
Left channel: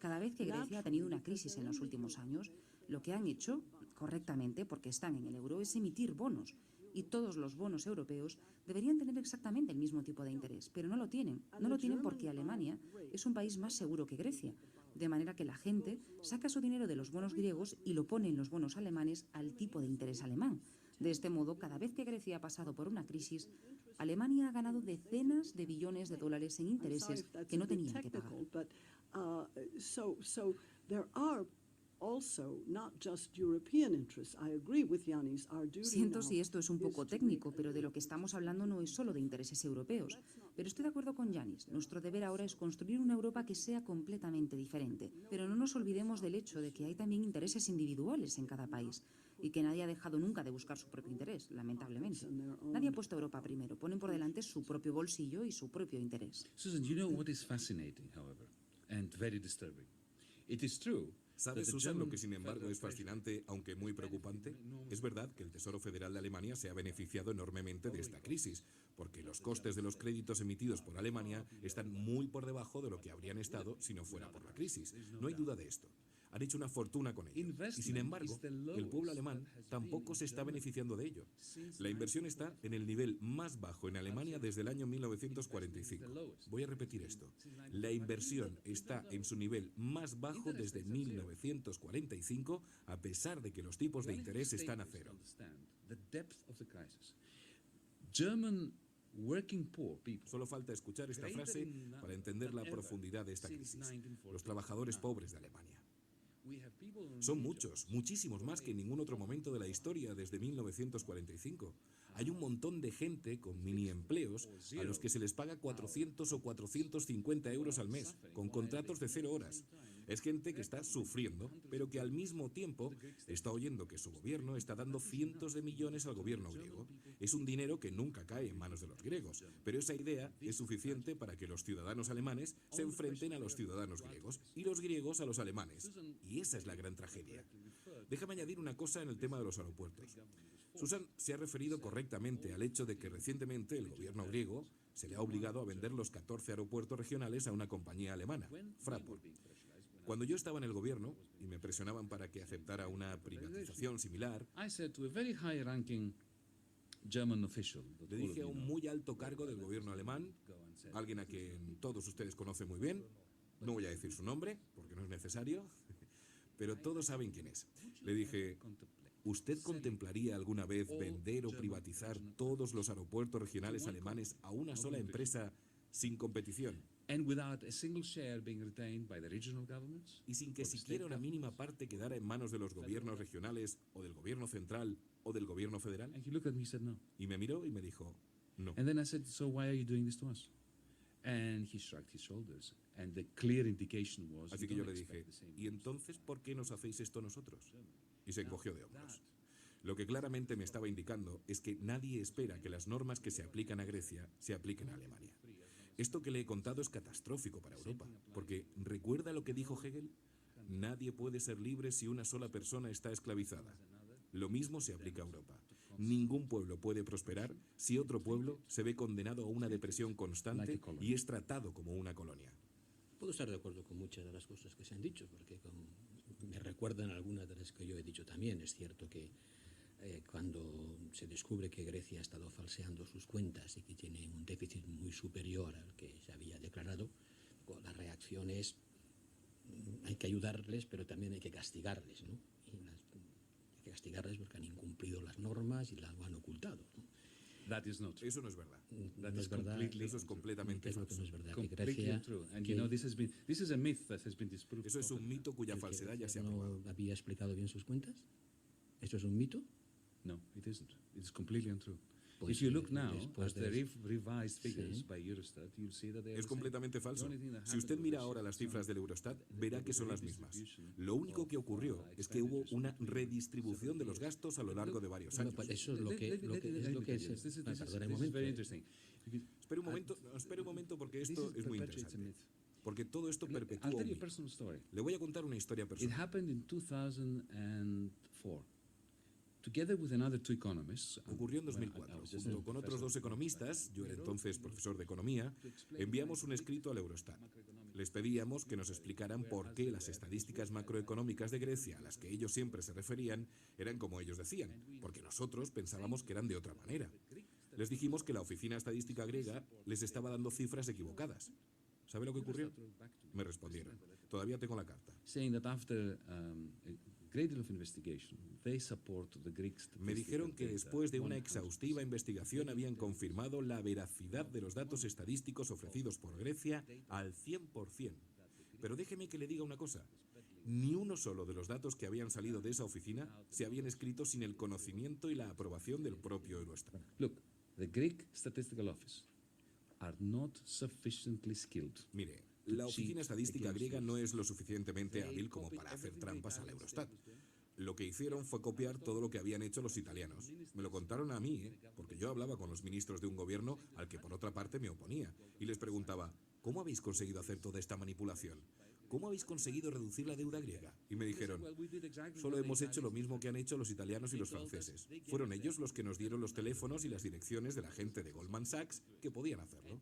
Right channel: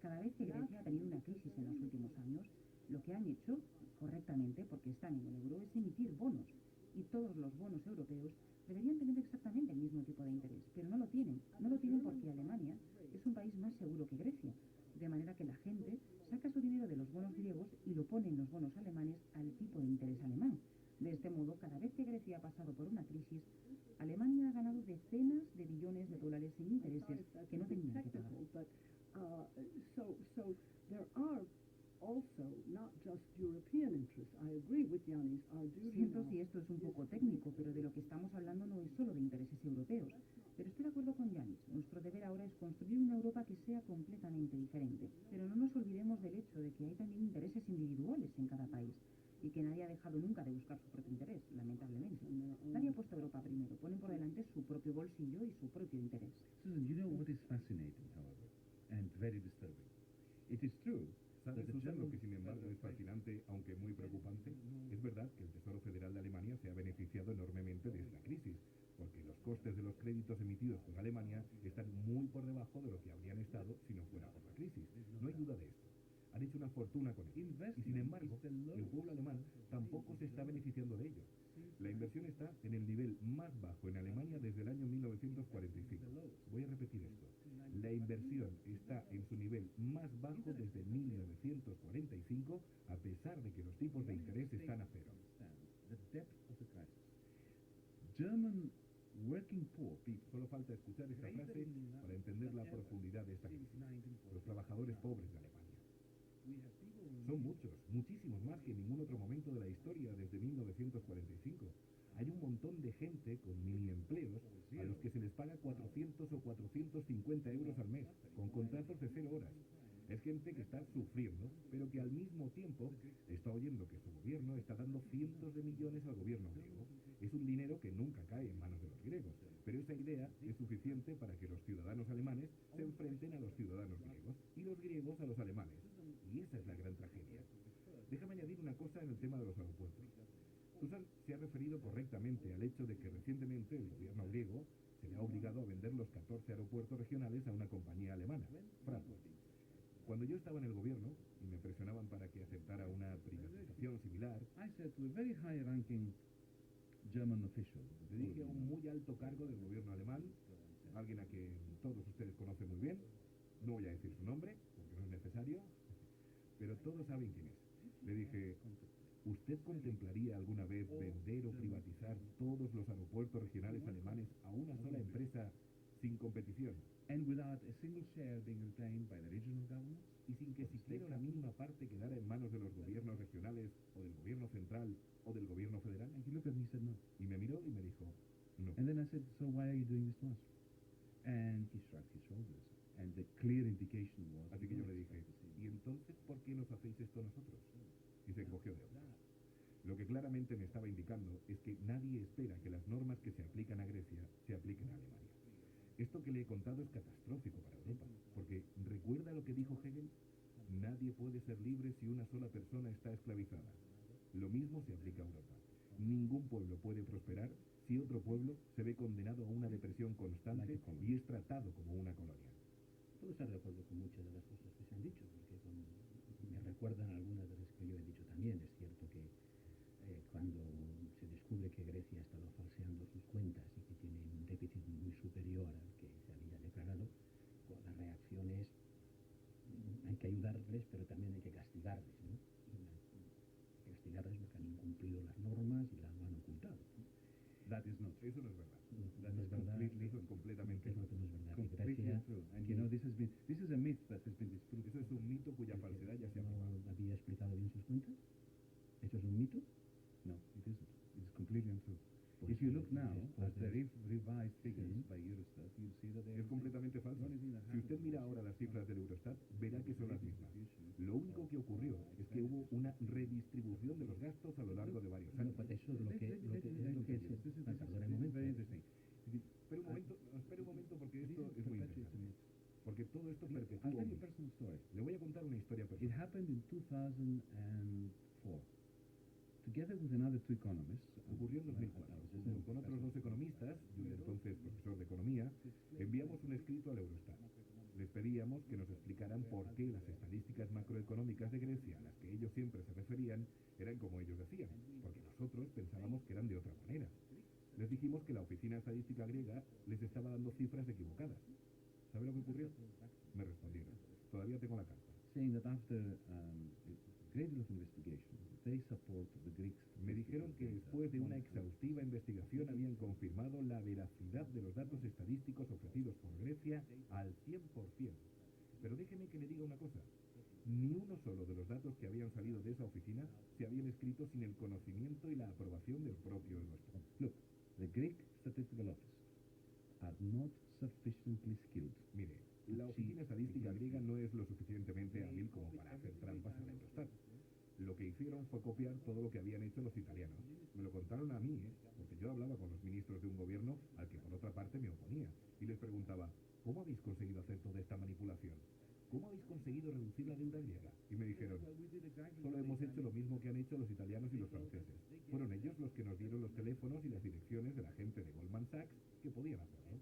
Cada vez que Grecia ha tenido una crisis en los últimos años, lo que han hecho, correctamente, porque están en el euro, es emitir bonos. Y todos los bonos europeos deberían tener exactamente el mismo tipo de interés, pero no lo tienen. No lo tienen porque Alemania es un país más seguro que Grecia. De manera que la gente saca su dinero de los bonos griegos y lo pone en los bonos alemanes al tipo de interés alemán. De este modo, cada vez que Grecia ha pasado por una crisis, Alemania ha ganado decenas de billones de dólares en intereses que no tenían que pagar. Siento si esto es un poco técnico, pero de lo que estamos hablando no es solo de intereses europeos. Pero estoy de acuerdo con Yanis. Nuestro deber ahora es construir una Europa que sea completamente diferente. Pero no nos olvidemos del hecho de que hay también intereses individuales en cada país y que nadie ha dejado nunca de buscar su propio interés, lamentablemente. Nadie ha puesto a Europa primero. Ponen por delante su propio bolsillo y su propio interés. Susan, you know what is fascinating, however, and very disturbing? It is true. ¿Sabes, Susan, lo que sin embargo es fascinante, aunque muy preocupante? Es verdad que el Tesoro Federal de Alemania se ha beneficiado enormemente de esta crisis, porque los costes de los créditos emitidos por Alemania están muy por debajo de lo que habrían estado si no fuera por la crisis. No hay duda de esto. Han hecho una fortuna con ello. Y sin embargo, el pueblo alemán tampoco se está beneficiando de ello. La inversión está en el nivel más bajo en Alemania desde el año 1945. Voy a repetir esto. La inversión está en su nivel más bajo desde 1945, a pesar de que los tipos de interés están a cero. Solo falta escuchar esta frase para entender la profundidad de esta crisis. Los trabajadores pobres de Alemania. Son muchos, muchísimos más que en ningún otro momento de la historia desde 1945. Hay un montón de gente con mini empleos a los que se les paga 400 o 450 euros al mes, con contratos de 0 horas. Es gente que está sufriendo, pero que al mismo tiempo está oyendo que su gobierno está dando cientos de millones al gobierno griego. Es un dinero que nunca cae en manos de los griegos, pero esa idea es suficiente para que los ciudadanos alemanes se enfrenten a los ciudadanos griegos y los griegos a los alemanes. Y esa es la gran tragedia. Déjame añadir una cosa en el tema de los aeropuertos. Susan se ha referido correctamente al hecho de que recientemente el gobierno griego se le ha obligado a vender los 14 aeropuertos regionales a una compañía alemana, Fraport. Cuando yo estaba en el gobierno y me presionaban para que aceptara una privatización similar, le dije a un muy alto cargo del gobierno alemán, alguien a quien todos ustedes conocen muy bien, no voy a decir su nombre porque no es necesario, pero todos saben quién es. Le dije, ¿usted contemplaría alguna vez vender o privatizar todos los aeropuertos regionales alemanes a una sola empresa sin competición? Y sin que siquiera una mínima parte quedara en manos de los gobiernos regionales o del gobierno central o del gobierno federal. Y me miró y me dijo, no. Así que yo le dije, ¿y entonces por qué nos hacéis esto nosotros? Y se encogió de hombros. Lo que claramente me estaba indicando es que nadie espera que las normas que se aplican a Grecia se apliquen a Alemania. Esto que le he contado es catastrófico para Europa, porque que dijo Hegel? Nadie puede ser libre si una sola persona está esclavizada. Lo mismo se aplica a Europa. Ningún pueblo puede prosperar si otro pueblo se ve condenado a una depresión constante y es tratado como una colonia. Puedo estar de acuerdo con muchas de las cosas que se han dicho, porque me recuerdan algunas de las que yo he dicho también. Es cierto que cuando se descubre que Grecia ha estado falseando sus cuentas y que tiene un déficit muy superior al que se había declarado, la reacción es hay que ayudarles, pero también hay que castigarles, ¿no? Hay que castigarles porque han incumplido las normas y las han ocultado, ¿no? That is not true. Eso no es verdad. That No is es verdad. completely Eso es completamente ¿Qué es lo que falso. no es verdad? Que completely Grecia, untrue. And que you know, this is a myth that has been disproved. Eso es un mito cuya que falsedad ya se ha no probado. había explicado bien sus cuentas. ¿Esto es un mito? No, it isn't. It's completely untrue. Pues, If you look now después at the de- revised figures Sí. by Eurostat, you'll see that they are Es the same. completamente falso. The only thing that Si usted happened mira was ahora las cifras del Eurostat, verá que son las mismas. redistribution Lo único que of, ocurrió es que hubo una redistribución de los gastos a lo largo de varios Bueno, años. pues eso es lo que es. Perdona un This is very momento. interesting. Espere un momento porque esto es muy perpetuates a interesante. myth. Porque todo esto Look, perpetúa I'll un tell you a mito. personal story. Le voy a contar una historia It personal. happened in 2004. Together with another two economists, Ocurrió en well, 2004. I was just Junto a con otros dos professor. economistas, yo era entonces profesor de economía, enviamos un escrito al Eurostat. Les pedíamos que nos explicaran por qué las estadísticas macroeconómicas de Grecia, a las que ellos siempre se referían, eran como ellos decían, porque nosotros pensábamos que eran de otra manera. Les dijimos que la oficina estadística griega les estaba dando cifras equivocadas. ¿Sabe lo que ocurrió? Me respondieron. Todavía tengo la carta. Saying that after a great deal of investigation, they support the Greek Me dijeron que después de una exhaustiva investigación habían confirmado la veracidad de los datos estadísticos ofrecidos por Grecia al 100%. Pero déjeme que le diga una cosa. Ni uno solo de los datos que habían salido de esa oficina se habían escrito sin el conocimiento y la aprobación del propio Eurostat. Look, the Greek Statistical Office are not sufficiently skilled. Mire, la oficina estadística griega no es lo suficientemente hábil como para hacer trampas al Eurostat. Lo que hicieron fue copiar todo lo que habían hecho los italianos. Me lo contaron a mí, porque yo hablaba con los ministros de un gobierno al que por otra parte me oponía. Y les preguntaba, ¿cómo habéis conseguido hacer toda esta manipulación? ¿Cómo habéis conseguido reducir la deuda griega? Y me dijeron, solo hemos hecho lo mismo que han hecho los italianos y los franceses. Fueron ellos los que nos dieron los teléfonos y las direcciones de la gente de Goldman Sachs que podían hacerlo.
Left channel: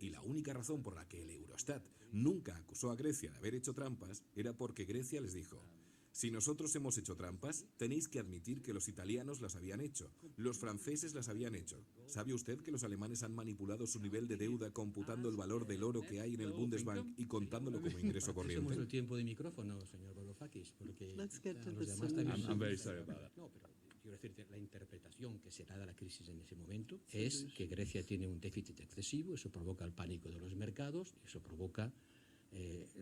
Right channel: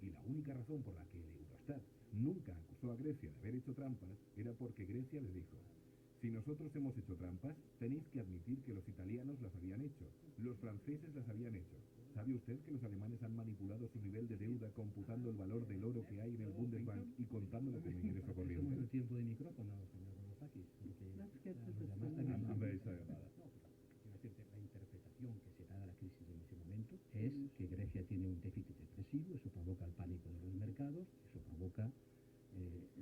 Y la única razón por la que el Eurostat nunca acusó a Grecia de haber hecho trampas era porque Grecia les dijo, si nosotros hemos hecho trampas, tenéis que admitir que los italianos las habían hecho, los franceses las habían hecho. ¿Sabe usted que los alemanes han manipulado su nivel de deuda computando el valor del oro que hay en el Bundesbank y contándolo como ingreso Somos corriente? el tiempo de micrófono, señor Varoufakis, porque Let's get to los the demás también solution. I'm very sorry about that. No, pero quiero decirte, la interpretación que se da de la crisis en ese momento es que Grecia tiene un déficit excesivo, eso provoca el pánico de los mercados, eso provoca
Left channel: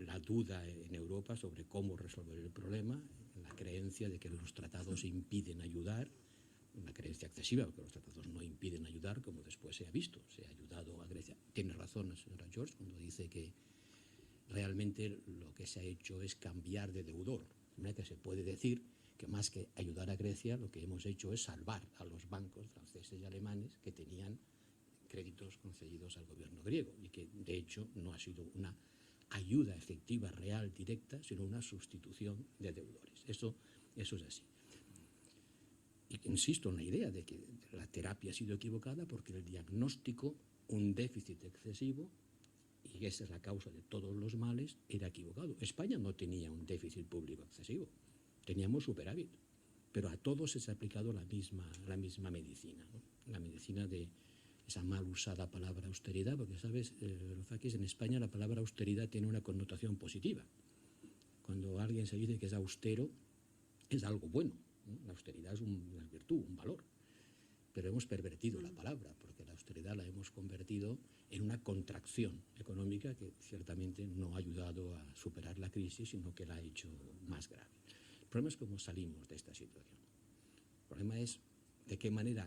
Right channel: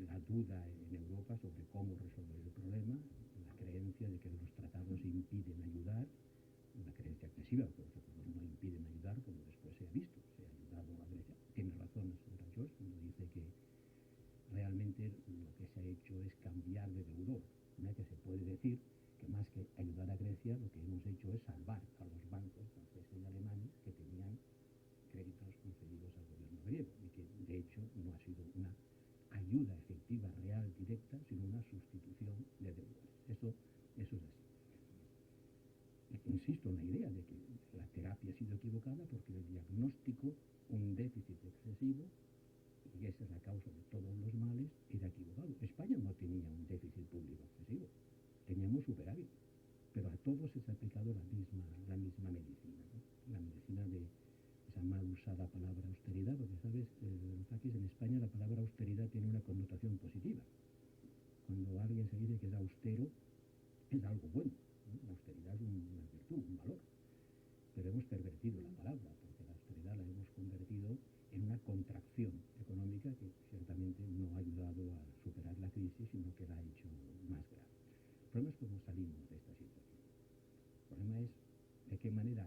la duda en Europa sobre cómo resolver el problema, la creencia de que los tratados impiden ayudar, una creencia excesiva, porque los tratados no impiden ayudar, como después se ha visto, se ha ayudado a Grecia. Tiene razón la señora George cuando dice que realmente lo que se ha hecho es cambiar de deudor. Que se puede decir que más que ayudar a Grecia, lo que hemos hecho es salvar a los bancos franceses y alemanes que tenían créditos concedidos al gobierno griego y que de hecho no ha sido una ayuda efectiva, real, directa, sino una sustitución de deudores. Eso es así. Y insisto en la idea de que la terapia ha sido equivocada porque el diagnóstico, un déficit excesivo, y esa es la causa de todos los males, era equivocado. España no tenía un déficit público excesivo, teníamos superávit, pero a todos se ha aplicado la misma medicina, ¿no? La medicina de esa mal usada palabra austeridad, porque, ¿sabes, Varoufakis? En España la palabra austeridad tiene una connotación positiva. Cuando alguien se dice que es austero, es algo bueno, ¿no? La austeridad es una virtud, un valor. Pero hemos pervertido la palabra, porque la austeridad la hemos convertido en una contracción económica que ciertamente no ha ayudado a superar la crisis, sino que la ha hecho más grave. El problema es cómo salimos de esta situación. El problema es de qué manera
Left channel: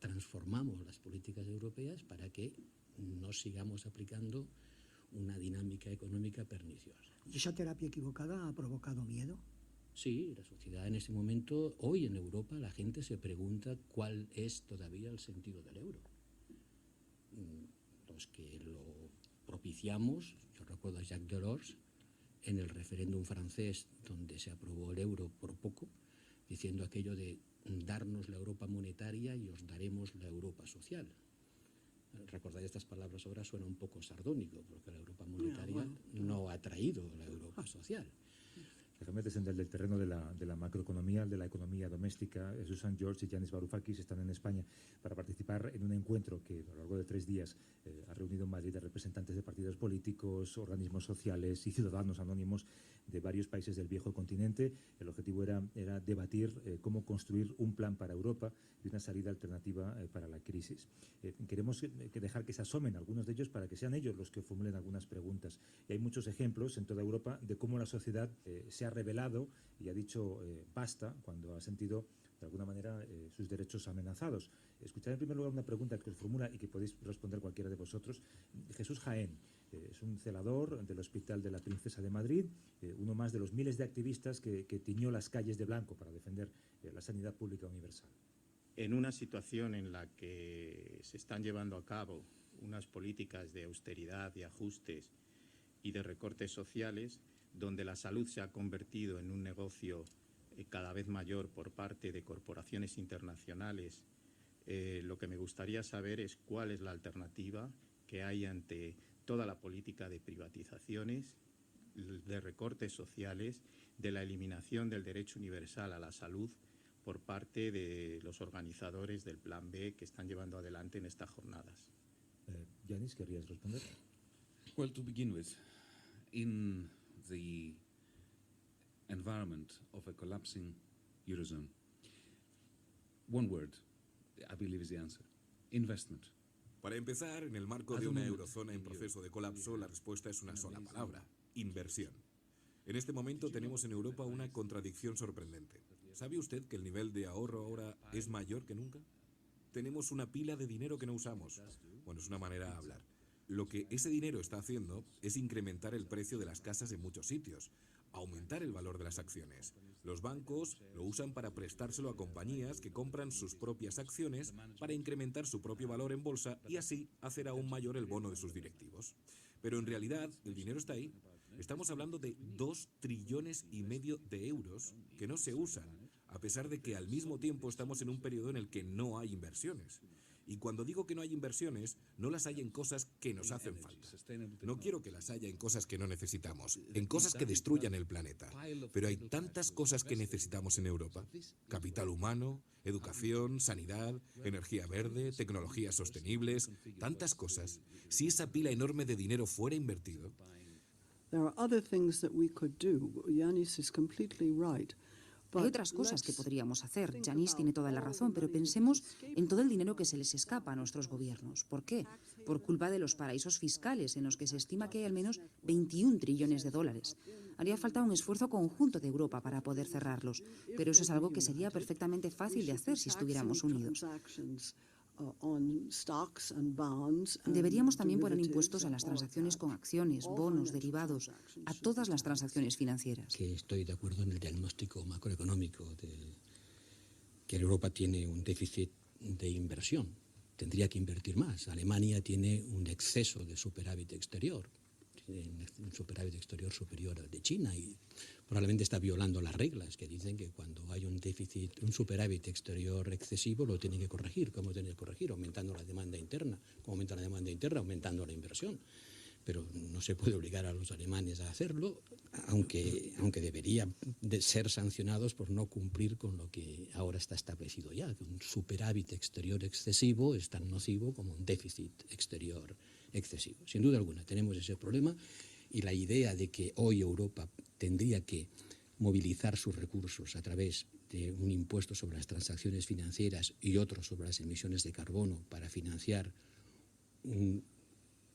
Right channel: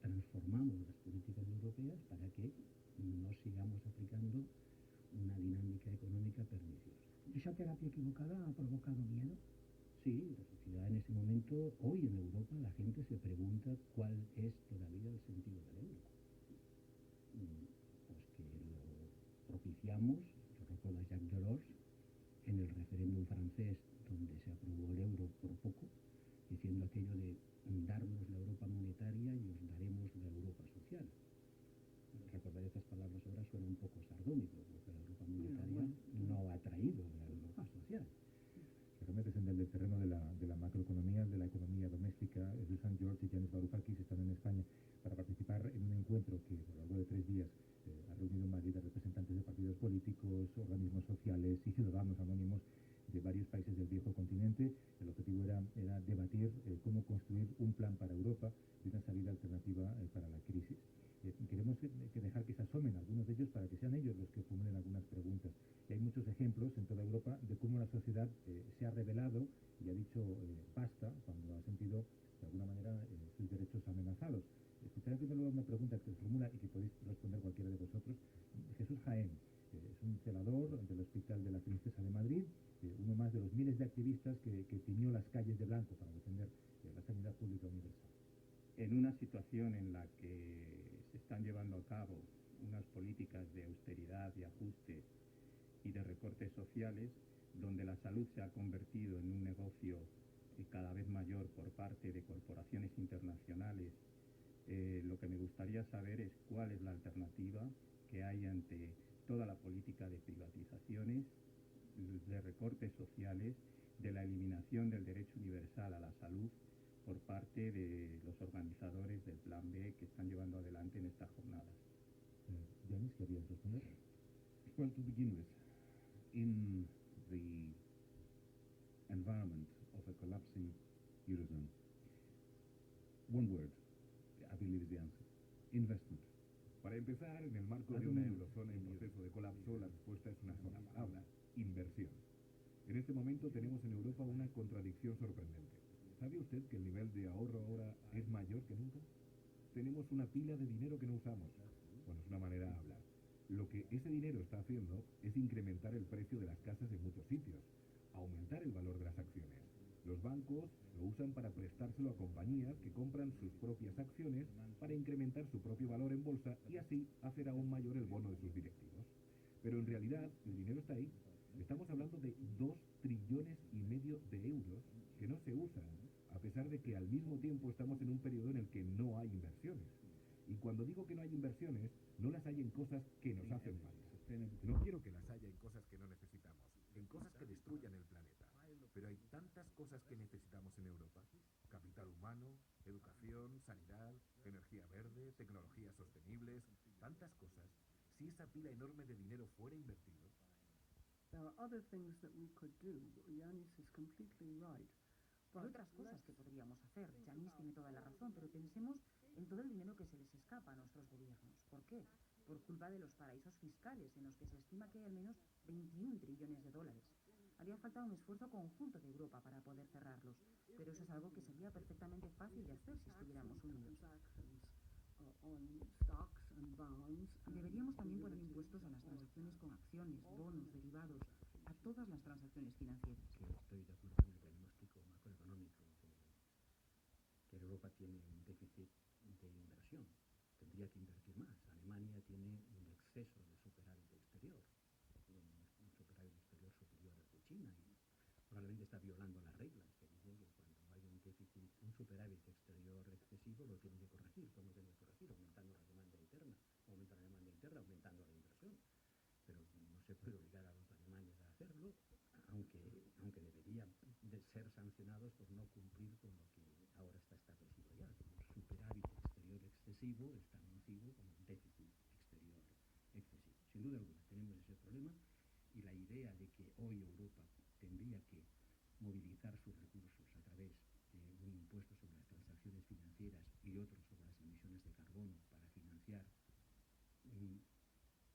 transformamos las políticas europeas para que no sigamos aplicando una dinámica económica perniciosa. ¿Y esa terapia equivocada ha provocado miedo? Sí, la sociedad en este momento, hoy en Europa, la gente se pregunta cuál es todavía el sentido del euro. Los que lo propiciamos, yo recuerdo a Jacques Delors, en el referéndum francés, donde se aprobó el euro por poco, diciendo aquello de darnos la Europa monetaria y os daremos la Europa social. Recordad estas palabras ahora, suena un poco sardónico, porque la Europa monetaria no ha traído la Europa social. Que me metes en el terreno de la macroeconomía, de la economía doméstica. Susan George y Yanis Varoufakis están en España para participar en un encuentro que a lo largo de 3 días ha reunido en Madrid a representantes de partidos políticos, organismos sociales y ciudadanos anónimos de varios países del viejo continente. El objetivo era debatir cómo construir un plan para Europa y una salida alternativa para la crisis. Queremos dejar que se asomen algunos de ellos para que sean ellos los que formulen algunas preguntas. Y hay muchos ejemplos en toda Europa de cómo la sociedad se ha rebelado y ha dicho basta cuando ha sentido de alguna manera sus derechos amenazados. Escuchad en primer lugar una pregunta que os formula y que podéis responder cualquiera de vosotros. Jesús Jaén es un celador del Hospital de la Princesa de Madrid, uno más de los miles de activistas que tiñó las calles de blanco para defender la sanidad pública universal. En una situación en la que se están llevando a cabo unas políticas de austeridad, de ajustes y de recortes sociales, donde la salud se ha convertido en un negocio cada vez mayor por parte de corporaciones internacionales, lo que me gustaría saber es cuál es la alternativa que hay ante toda la política de privatizaciones, de recortes sociales, de la eliminación del derecho universal a la salud por parte de los organizadores del Plan B que están llevando adelante en estas jornadas. Yanis, ¿querías responder? Well, to begin with, in the environment of a collapsing Eurozone, one word, I believe, is the answer: investment. Para empezar, en el marco de una eurozona en proceso de colapso, la respuesta es una sola palabra: inversión. En este momento tenemos en Europa una contradicción sorprendente. ¿Sabe usted que el nivel de ahorro ahora es mayor que nunca? Tenemos una pila de dinero que no usamos. Bueno, es una manera de hablar. Lo que ese dinero está haciendo es incrementar el precio de las casas en muchos sitios, aumentar el valor de las acciones. Los bancos lo usan para prestárselo a compañías que compran sus propias acciones para incrementar su propio valor en bolsa y así hacer aún mayor el bono de sus directivos. Pero en realidad el dinero está ahí. Estamos hablando de 2,5 trillones de euros que no se usan, a pesar de que al mismo tiempo estamos en un periodo en el que no hay inversiones. Y cuando digo que no hay inversiones, no las hay en cosas que nos hacen falta. No quiero que las haya en cosas que no necesitamos, en cosas que destruyan el planeta. Pero hay tantas cosas que necesitamos en Europa: capital humano, educación, sanidad, energía verde, tecnologías sostenibles, tantas cosas. Si esa pila enorme de dinero fuera invertido... There are other things that we could do. Yanis is completely right. Hay otras cosas que podríamos hacer. Yanis tiene toda la razón, pero pensemos en todo el dinero que se les escapa a nuestros gobiernos. ¿Por qué? Por culpa de los paraísos fiscales, en los que se estima que hay al menos 21 trillones de dólares. Haría falta un esfuerzo conjunto de Europa para poder cerrarlos, pero eso es algo que sería perfectamente fácil de hacer si estuviéramos unidos. Deberíamos también poner impuestos a las transacciones con acciones, bonos, derivados, a todas las transacciones financieras. Que estoy de acuerdo en el diagnóstico macroeconómico que Europa tiene un déficit de inversión. Tendría que invertir más. Alemania tiene un exceso de superávit exterior, un superávit exterior superior al de China, y probablemente está violando las reglas que dicen que cuando hay un déficit, un superávit exterior excesivo, lo tiene que corregir. ¿Cómo tiene que corregir? Aumentando la demanda interna. ¿Cómo aumenta la demanda interna? Aumentando la inversión. Pero no se puede obligar a los alemanes a hacerlo, aunque deberían de ser sancionados por no cumplir con lo que ahora está establecido ya. Un superávit exterior excesivo es tan nocivo como un déficit exterior excesivo. Sin duda alguna tenemos ese problema, y la idea de que hoy Europa tendría que movilizar sus recursos a través de un impuesto sobre las transacciones financieras y otro sobre las emisiones de carbono para financiar un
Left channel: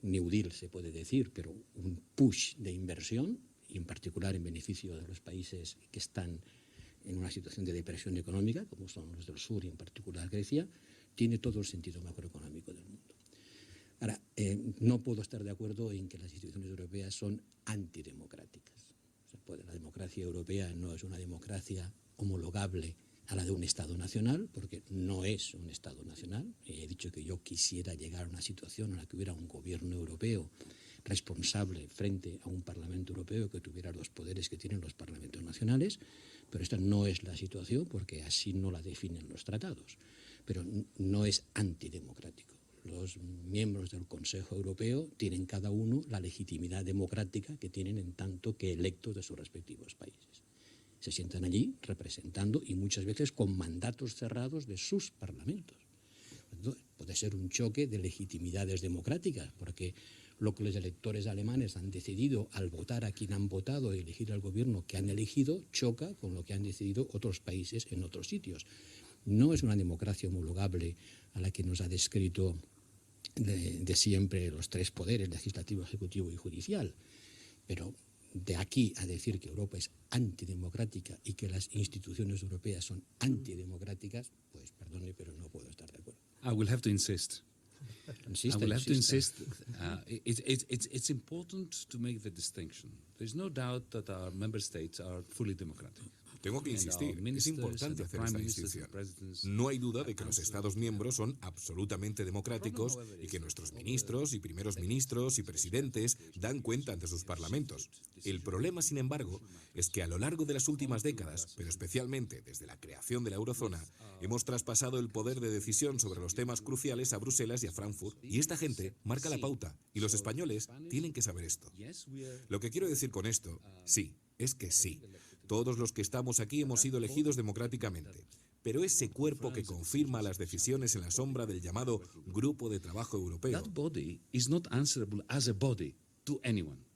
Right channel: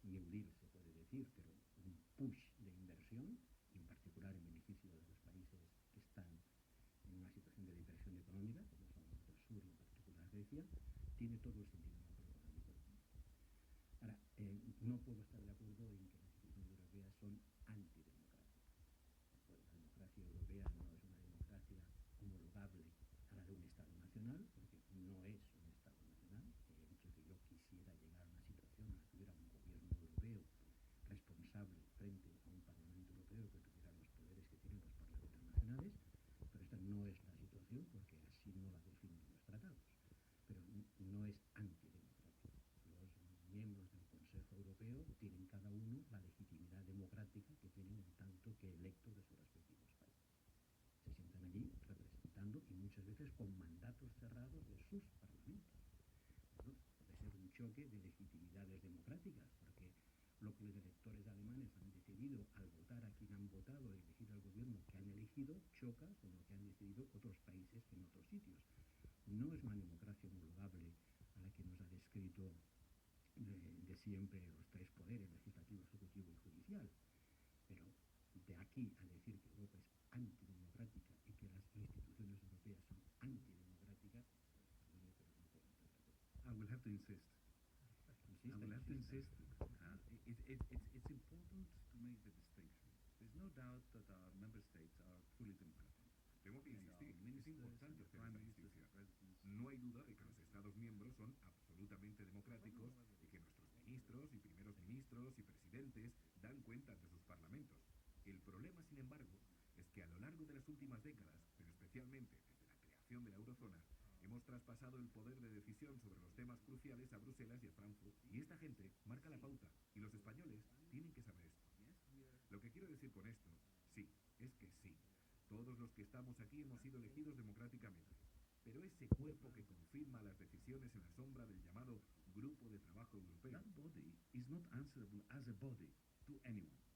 New Deal, se puede decir, pero un push de inversión, y en particular en beneficio de los países que están en una situación de depresión económica, como son los del sur y en particular Grecia, tiene todo el sentido macroeconómico del mundo. Ahora, no puedo estar de acuerdo en que las instituciones europeas son antidemocráticas. O sea, la democracia europea no es una democracia homologable a la de un Estado nacional, porque no es un Estado nacional. He dicho que yo quisiera llegar a una situación en la que hubiera un gobierno europeo responsable frente a un Parlamento Europeo que tuviera los poderes que tienen los parlamentos nacionales, pero esta no es la situación porque así no la definen los tratados. Pero no es antidemocrático. Los miembros del Consejo Europeo tienen cada uno la legitimidad democrática que tienen en tanto que electos de sus respectivos países. Se sientan allí representando y muchas veces con mandatos cerrados de sus parlamentos. Entonces, puede ser un choque de legitimidades democráticas, porque lo que los electores alemanes han decidido al votar a quien han votado y elegir al gobierno que han elegido choca con lo que han decidido otros países en otros sitios. No es una democracia homologable a la que nos ha descrito de siempre los tres poderes, legislativo, ejecutivo y judicial, pero de aquí a decir que Europa es antidemocrática y que las instituciones europeas son antidemocráticas, pues perdone, pero no puedo estar de acuerdo. I will have to insist. Insista, I will have to insista. insist. It's important to make the distinction. There's no doubt that our member states are fully democratic. Tengo que insistir, es importante hacer esta distinción. No hay duda de que los Estados miembros son absolutamente democráticos y que nuestros ministros y primeros ministros y presidentes dan cuenta ante sus parlamentos. El problema, sin embargo, es que a lo largo de las últimas décadas, pero especialmente desde la creación de la eurozona, hemos traspasado el poder de decisión sobre los temas cruciales a Bruselas y a Frankfurt, y esta gente marca la pauta, y los españoles tienen que saber esto. Lo que quiero decir con esto, sí, es que sí. Todos los que estamos aquí hemos sido elegidos democráticamente, pero ese cuerpo que confirma las decisiones en la sombra del llamado Grupo de Trabajo Europeo, That body is not answerable as a body to anyone.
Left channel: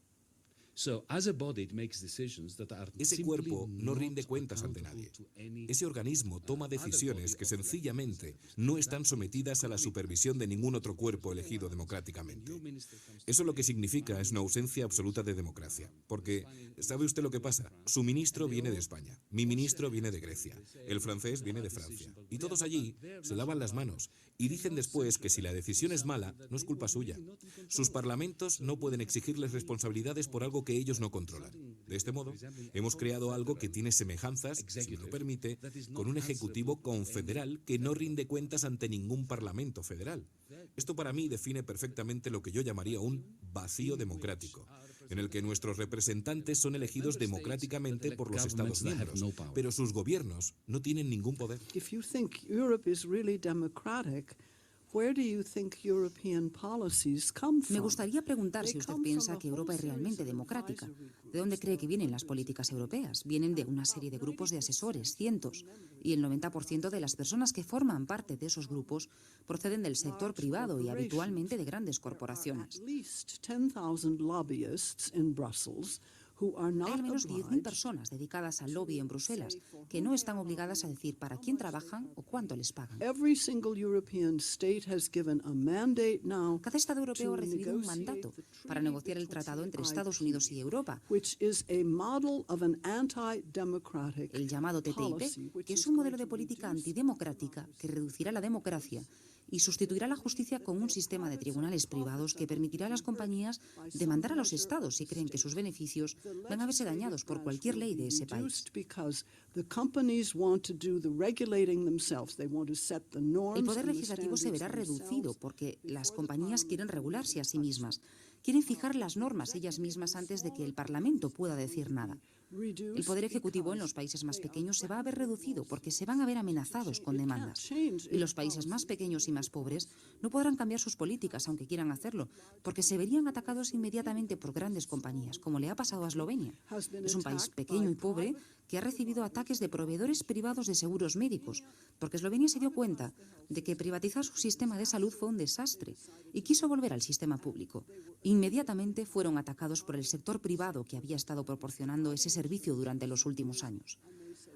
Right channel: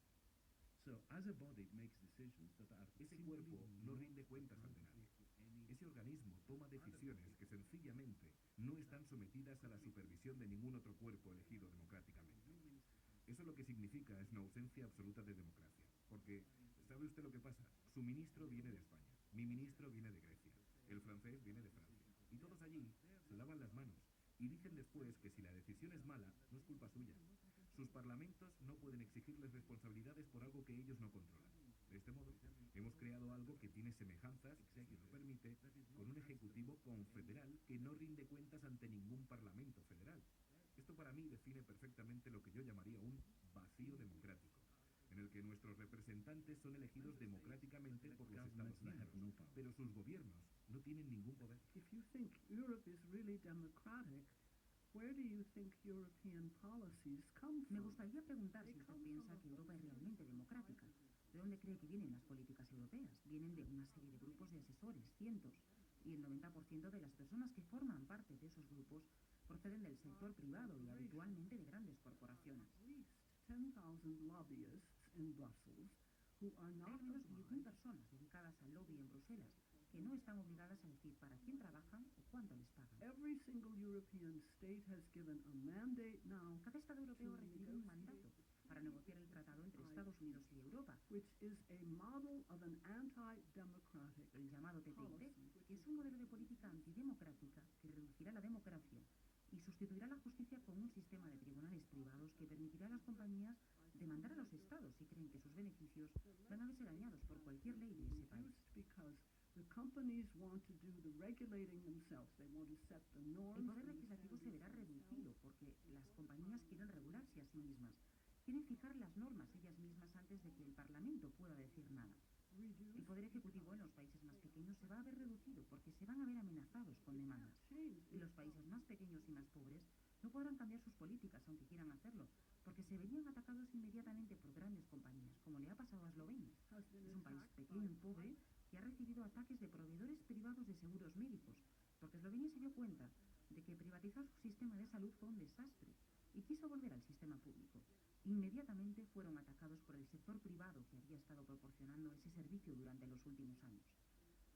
So, as a body, it makes decisions that are ese simply cuerpo no not rinde cuentas ante accountable nadie. to any Ese organismo toma decisiones que sencillamente no están sometidas a la supervisión de ningún otro cuerpo elegido democráticamente. Eso lo que significa es una ausencia absoluta de democracia. Porque, ¿sabe usted lo que pasa? Su ministro viene de España, mi ministro viene de Grecia, el francés viene de Francia. Y todos allí se lavan las manos y dicen después que si la decisión es mala, no es culpa suya. Sus parlamentos no pueden exigirles responsabilidades por algo que ellos no controlan. De este modo, hemos creado algo que tiene semejanzas, si me lo permite, con un ejecutivo confederal que no rinde cuentas ante ningún parlamento federal. Esto para mí define perfectamente lo que yo llamaría un vacío democrático, en el que nuestros representantes son elegidos democráticamente por los Estados miembros, pero sus gobiernos no tienen ningún poder. If you think Europe is really democratic, where do you think European policies come from? Me gustaría preguntar si usted piensa que Europa es realmente democrática. ¿De dónde cree que vienen las políticas europeas? Vienen de una serie de grupos de asesores, cientos, y el 90% de las personas que forman parte de esos grupos proceden del sector privado y habitualmente de grandes corporaciones. At least 10,000 lobbyists in Brussels who are Hay not al menos 10.000 obliged personas dedicadas al lobby en Bruselas que no están obligadas a decir para quién trabajan o cuánto les pagan. Every single European state has given a mandate now Cada Estado europeo to ha recibido un negotiate mandato the para treaty negociar el tratado entre TTIP, Estados Unidos y Europa, which is a model of an anti-democratic el llamado policy, TTIP, which que is es un modelo going de to política reduce antidemocrática que reducirá la democracia y sustituirá la justicia con un sistema de tribunales privados que permitirá a las compañías demandar a los estados si creen que sus beneficios van a verse dañados por cualquier ley de ese país. reduced because the companies want to do the regulating themselves. They want to set the norms El poder and the legislativo se verá standards reducido themselves. porque las compañías quieren regularse a sí mismas, quieren fijar las normas ellas mismas antes de que el Parlamento pueda decir nada. El poder ejecutivo en los países más pequeños se va a ver reducido porque se van a ver amenazados con demandas. Y los países más pequeños y más pobres no podrán cambiar sus políticas aunque quieran hacerlo, porque se verían atacados inmediatamente por grandes compañías, como le ha pasado a Eslovenia. Es un país pequeño y pobre que ha recibido ataques de proveedores privados de seguros médicos, porque Eslovenia se dio cuenta de que privatizar su sistema de salud fue un desastre y quiso volver al sistema público. Inmediatamente fueron atacados por el sector privado que había estado proporcionando ese servicio durante los últimos años.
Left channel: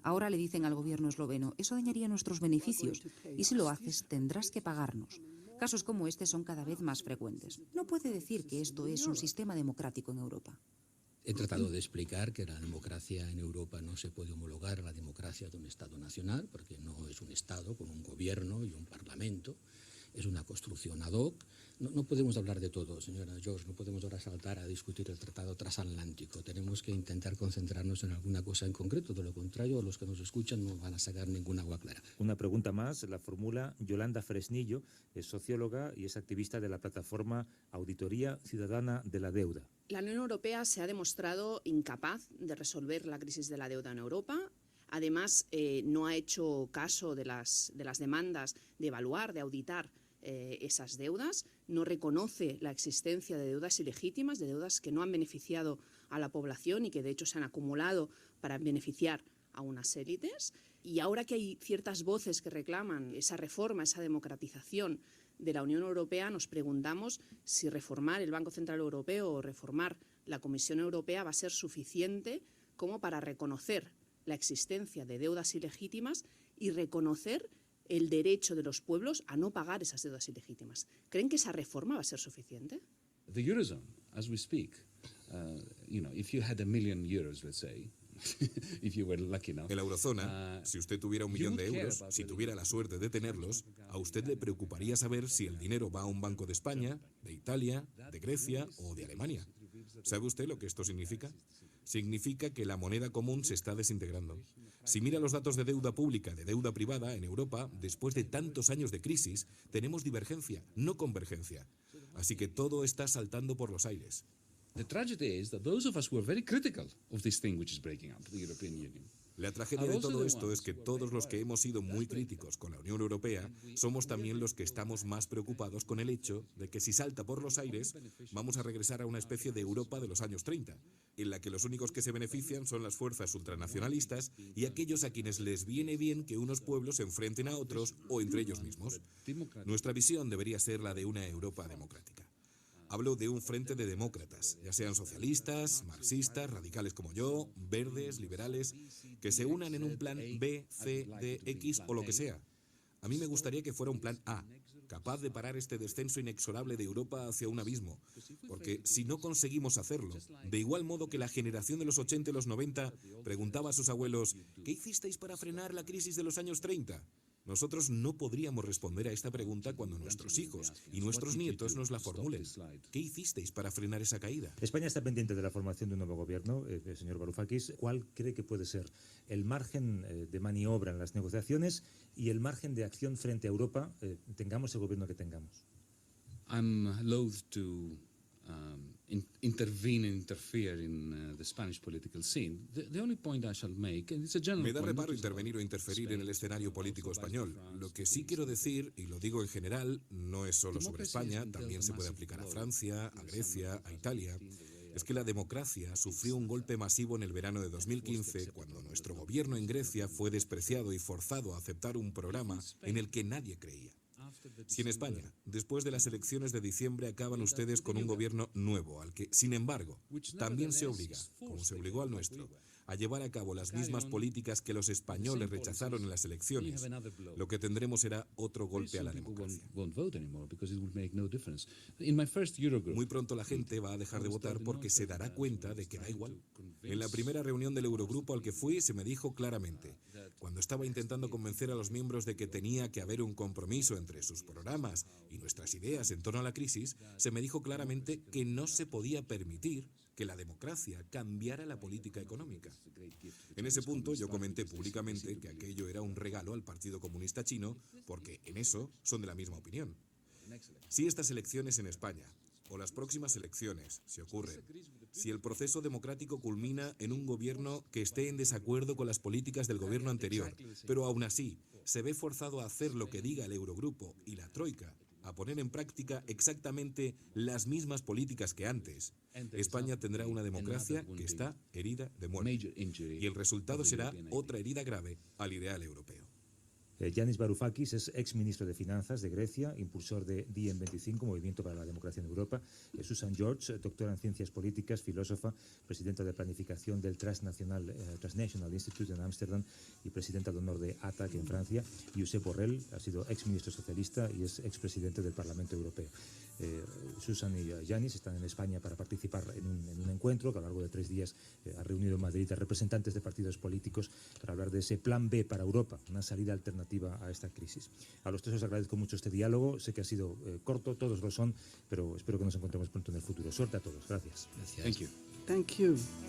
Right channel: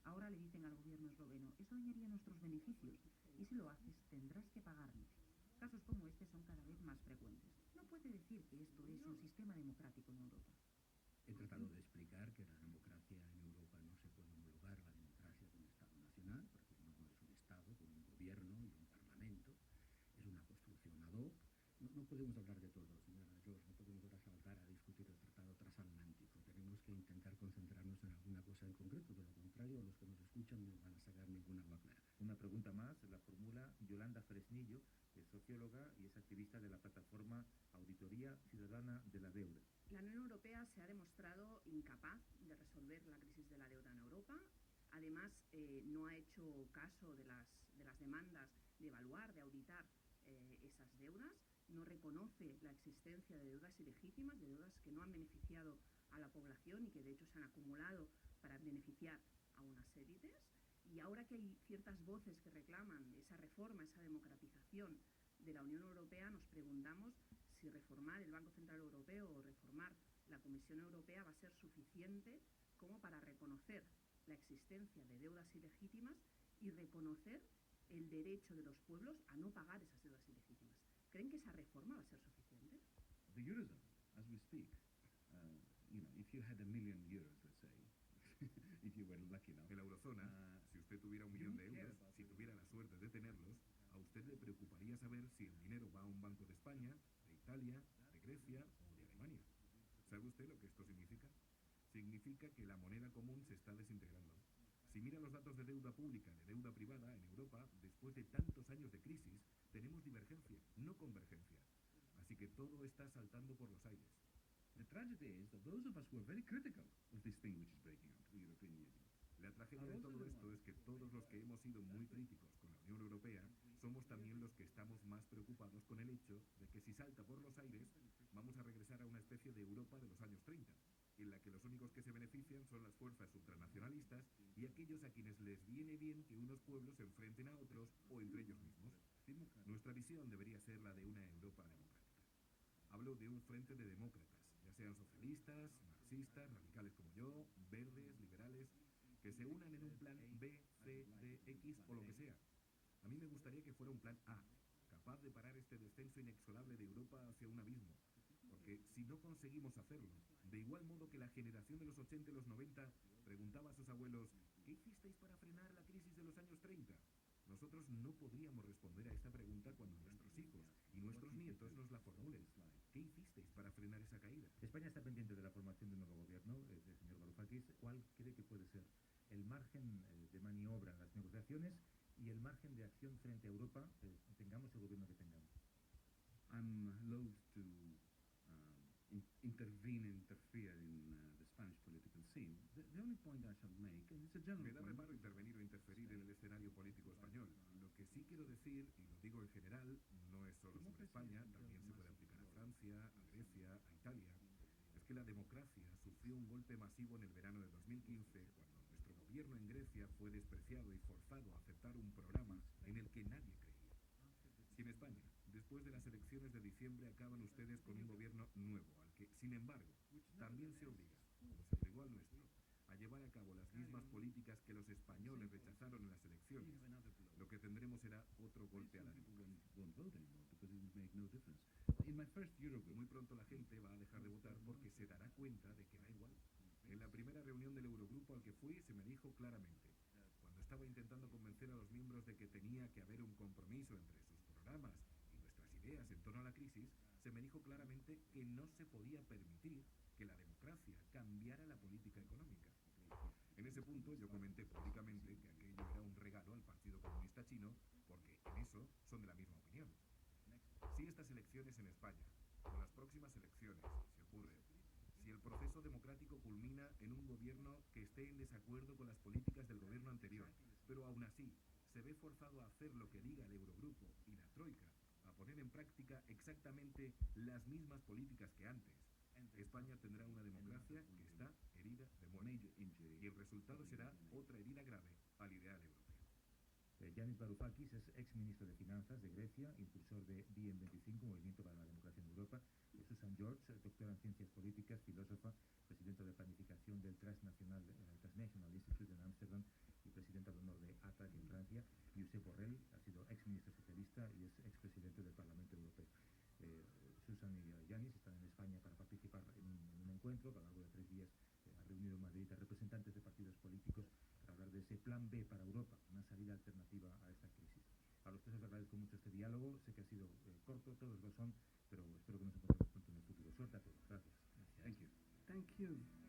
Ahora le dicen al gobierno esloveno, eso dañaría nuestros beneficios y si lo haces tendrás que pagarnos. Casos como este son cada vez más frecuentes. No puede decir que esto es un sistema democrático en Europa. He tratado de explicar que la democracia en Europa no se puede homologar a la democracia de un Estado nacional, porque no es un Estado con un gobierno y un parlamento. es una construcción ad hoc. No podemos hablar de todo, señora George, no podemos ahora saltar a discutir el Tratado Transatlántico. Tenemos que intentar concentrarnos en alguna cosa en concreto, de lo contrario, los que nos escuchan no van a sacar ninguna agua clara. Una pregunta más, la formula Yolanda Fresnillo, es socióloga y es activista de la plataforma Auditoría Ciudadana de la Deuda. La Unión Europea se ha demostrado incapaz de resolver la crisis de la deuda en Europa. Además, no ha hecho caso de las demandas de evaluar, de auditar esas deudas, no reconoce la existencia de deudas ilegítimas, de deudas que no han beneficiado a la población y que de hecho se han acumulado para beneficiar a unas élites. Y ahora que hay ciertas voces que reclaman esa reforma, esa democratización de la Unión Europea, nos preguntamos si reformar el Banco Central Europeo o reformar la Comisión Europea va a ser suficiente como para reconocer la existencia de deudas ilegítimas y reconocer el derecho de los pueblos a no pagar esas deudas ilegítimas. ¿Creen que esa reforma va a ser suficiente? The Eurozone, as we speak, if you had €1 million, let's say, if you were lucky enough. En la eurozona, si usted tuviera €1 millón, si tuviera la suerte de tenerlos, a usted le preocuparía saber si el dinero va a un banco de España, de Italia, de Grecia o de Alemania. ¿Sabe usted lo que esto significa? Significa que la moneda común se está desintegrando. Si mira los datos de deuda pública, de deuda privada en Europa, después de tantos años de crisis, tenemos divergencia, no convergencia. Así que todo está saltando por los aires. The tragedy is that those of us who are very critical of this thing which is breaking up, the European Union. La tragedia de todo esto es que todos los que hemos sido muy críticos con la Unión Europea somos también los que estamos más preocupados con el hecho de que si salta por los aires vamos a regresar a una especie de Europa de los años 30, en la que los únicos que se benefician son las fuerzas ultranacionalistas y aquellos a quienes les viene bien que unos pueblos se enfrenten a otros o entre ellos mismos. Nuestra visión debería ser la de una Europa democrática. Hablo de un frente de demócratas, ya sean socialistas, marxistas, radicales como yo, verdes, liberales, que se unan en un plan B, C, D, X o lo que sea. A mí me gustaría que fuera un plan A, capaz de parar este descenso inexorable de Europa hacia un abismo, porque si no conseguimos hacerlo, de igual modo que la generación de los 80 y los 90 preguntaba a sus abuelos, ¿qué hicisteis para frenar la crisis de los años 30? Nosotros no podríamos responder a esta pregunta cuando nuestros hijos y nuestros nietos nos la formulen. ¿Qué hicisteis para frenar esa caída? España está pendiente de la formación de un nuevo gobierno, señor Varoufakis. ¿Cuál cree que puede ser el margen de maniobra en las negociaciones y el margen de acción frente a Europa, tengamos el gobierno que tengamos? I'm loath to interfere in the Spanish political scene. The only point I shall make, and it's a general Me da point, reparo intervenir o interferir en el escenario político español. Lo que sí quiero decir, y lo digo en general, no es solo sobre España, también se puede aplicar a Francia, a Grecia, a Italia, es que la democracia sufrió un golpe masivo en el verano de 2015, cuando nuestro gobierno en Grecia fue despreciado y forzado a aceptar un programa en el que nadie creía. Si en España, después de las elecciones de diciembre, acaban ustedes con un gobierno nuevo, al que, sin embargo, también se obliga, como se obligó al nuestro, a llevar a cabo las mismas políticas que los españoles rechazaron en las elecciones, lo que tendremos será otro golpe a la democracia. Muy pronto la gente va a dejar de votar porque se dará cuenta de que da igual. En la primera reunión del Eurogrupo al que fui se me dijo claramente, cuando estaba intentando convencer a los miembros de que tenía que haber un compromiso entre sus programas y nuestras ideas en torno a la crisis, se me dijo claramente que no se podía permitir que la democracia cambiara la política económica. En ese punto yo comenté públicamente que aquello era un regalo al Partido Comunista Chino, porque en eso son de la misma opinión. Si estas elecciones en España, o las próximas elecciones, si ocurren, si el proceso democrático culmina en un gobierno que esté en desacuerdo con las políticas del gobierno anterior, pero aún así se ve forzado a hacer lo que diga el Eurogrupo y la Troika, a poner en práctica exactamente las mismas políticas que antes, España tendrá una democracia que está herida de muerte. Y el resultado será otra herida grave al ideal europeo. Yanis Varoufakis es exministro de Finanzas de Grecia, impulsor de DiEM25, Movimiento para la Democracia en Europa. Susan George, doctora en Ciencias Políticas, filósofa, presidenta de Planificación del Transnational Institute en Ámsterdam y presidenta de honor de ATAC en Francia. Josep Borrell ha sido exministro socialista y es expresidente del Parlamento Europeo. Susan y Yanis están en España para participar en un encuentro que a lo largo de 3 días ha reunido en Madrid a representantes de partidos políticos para hablar de ese plan B para Europa, una salida alternativa a esta crisis. A los tres os agradezco mucho este diálogo. Sé que ha sido corto, todos lo son, pero espero que nos encontremos pronto en el futuro. Suerte a todos. Gracias. Gracias. Thank you. Thank you.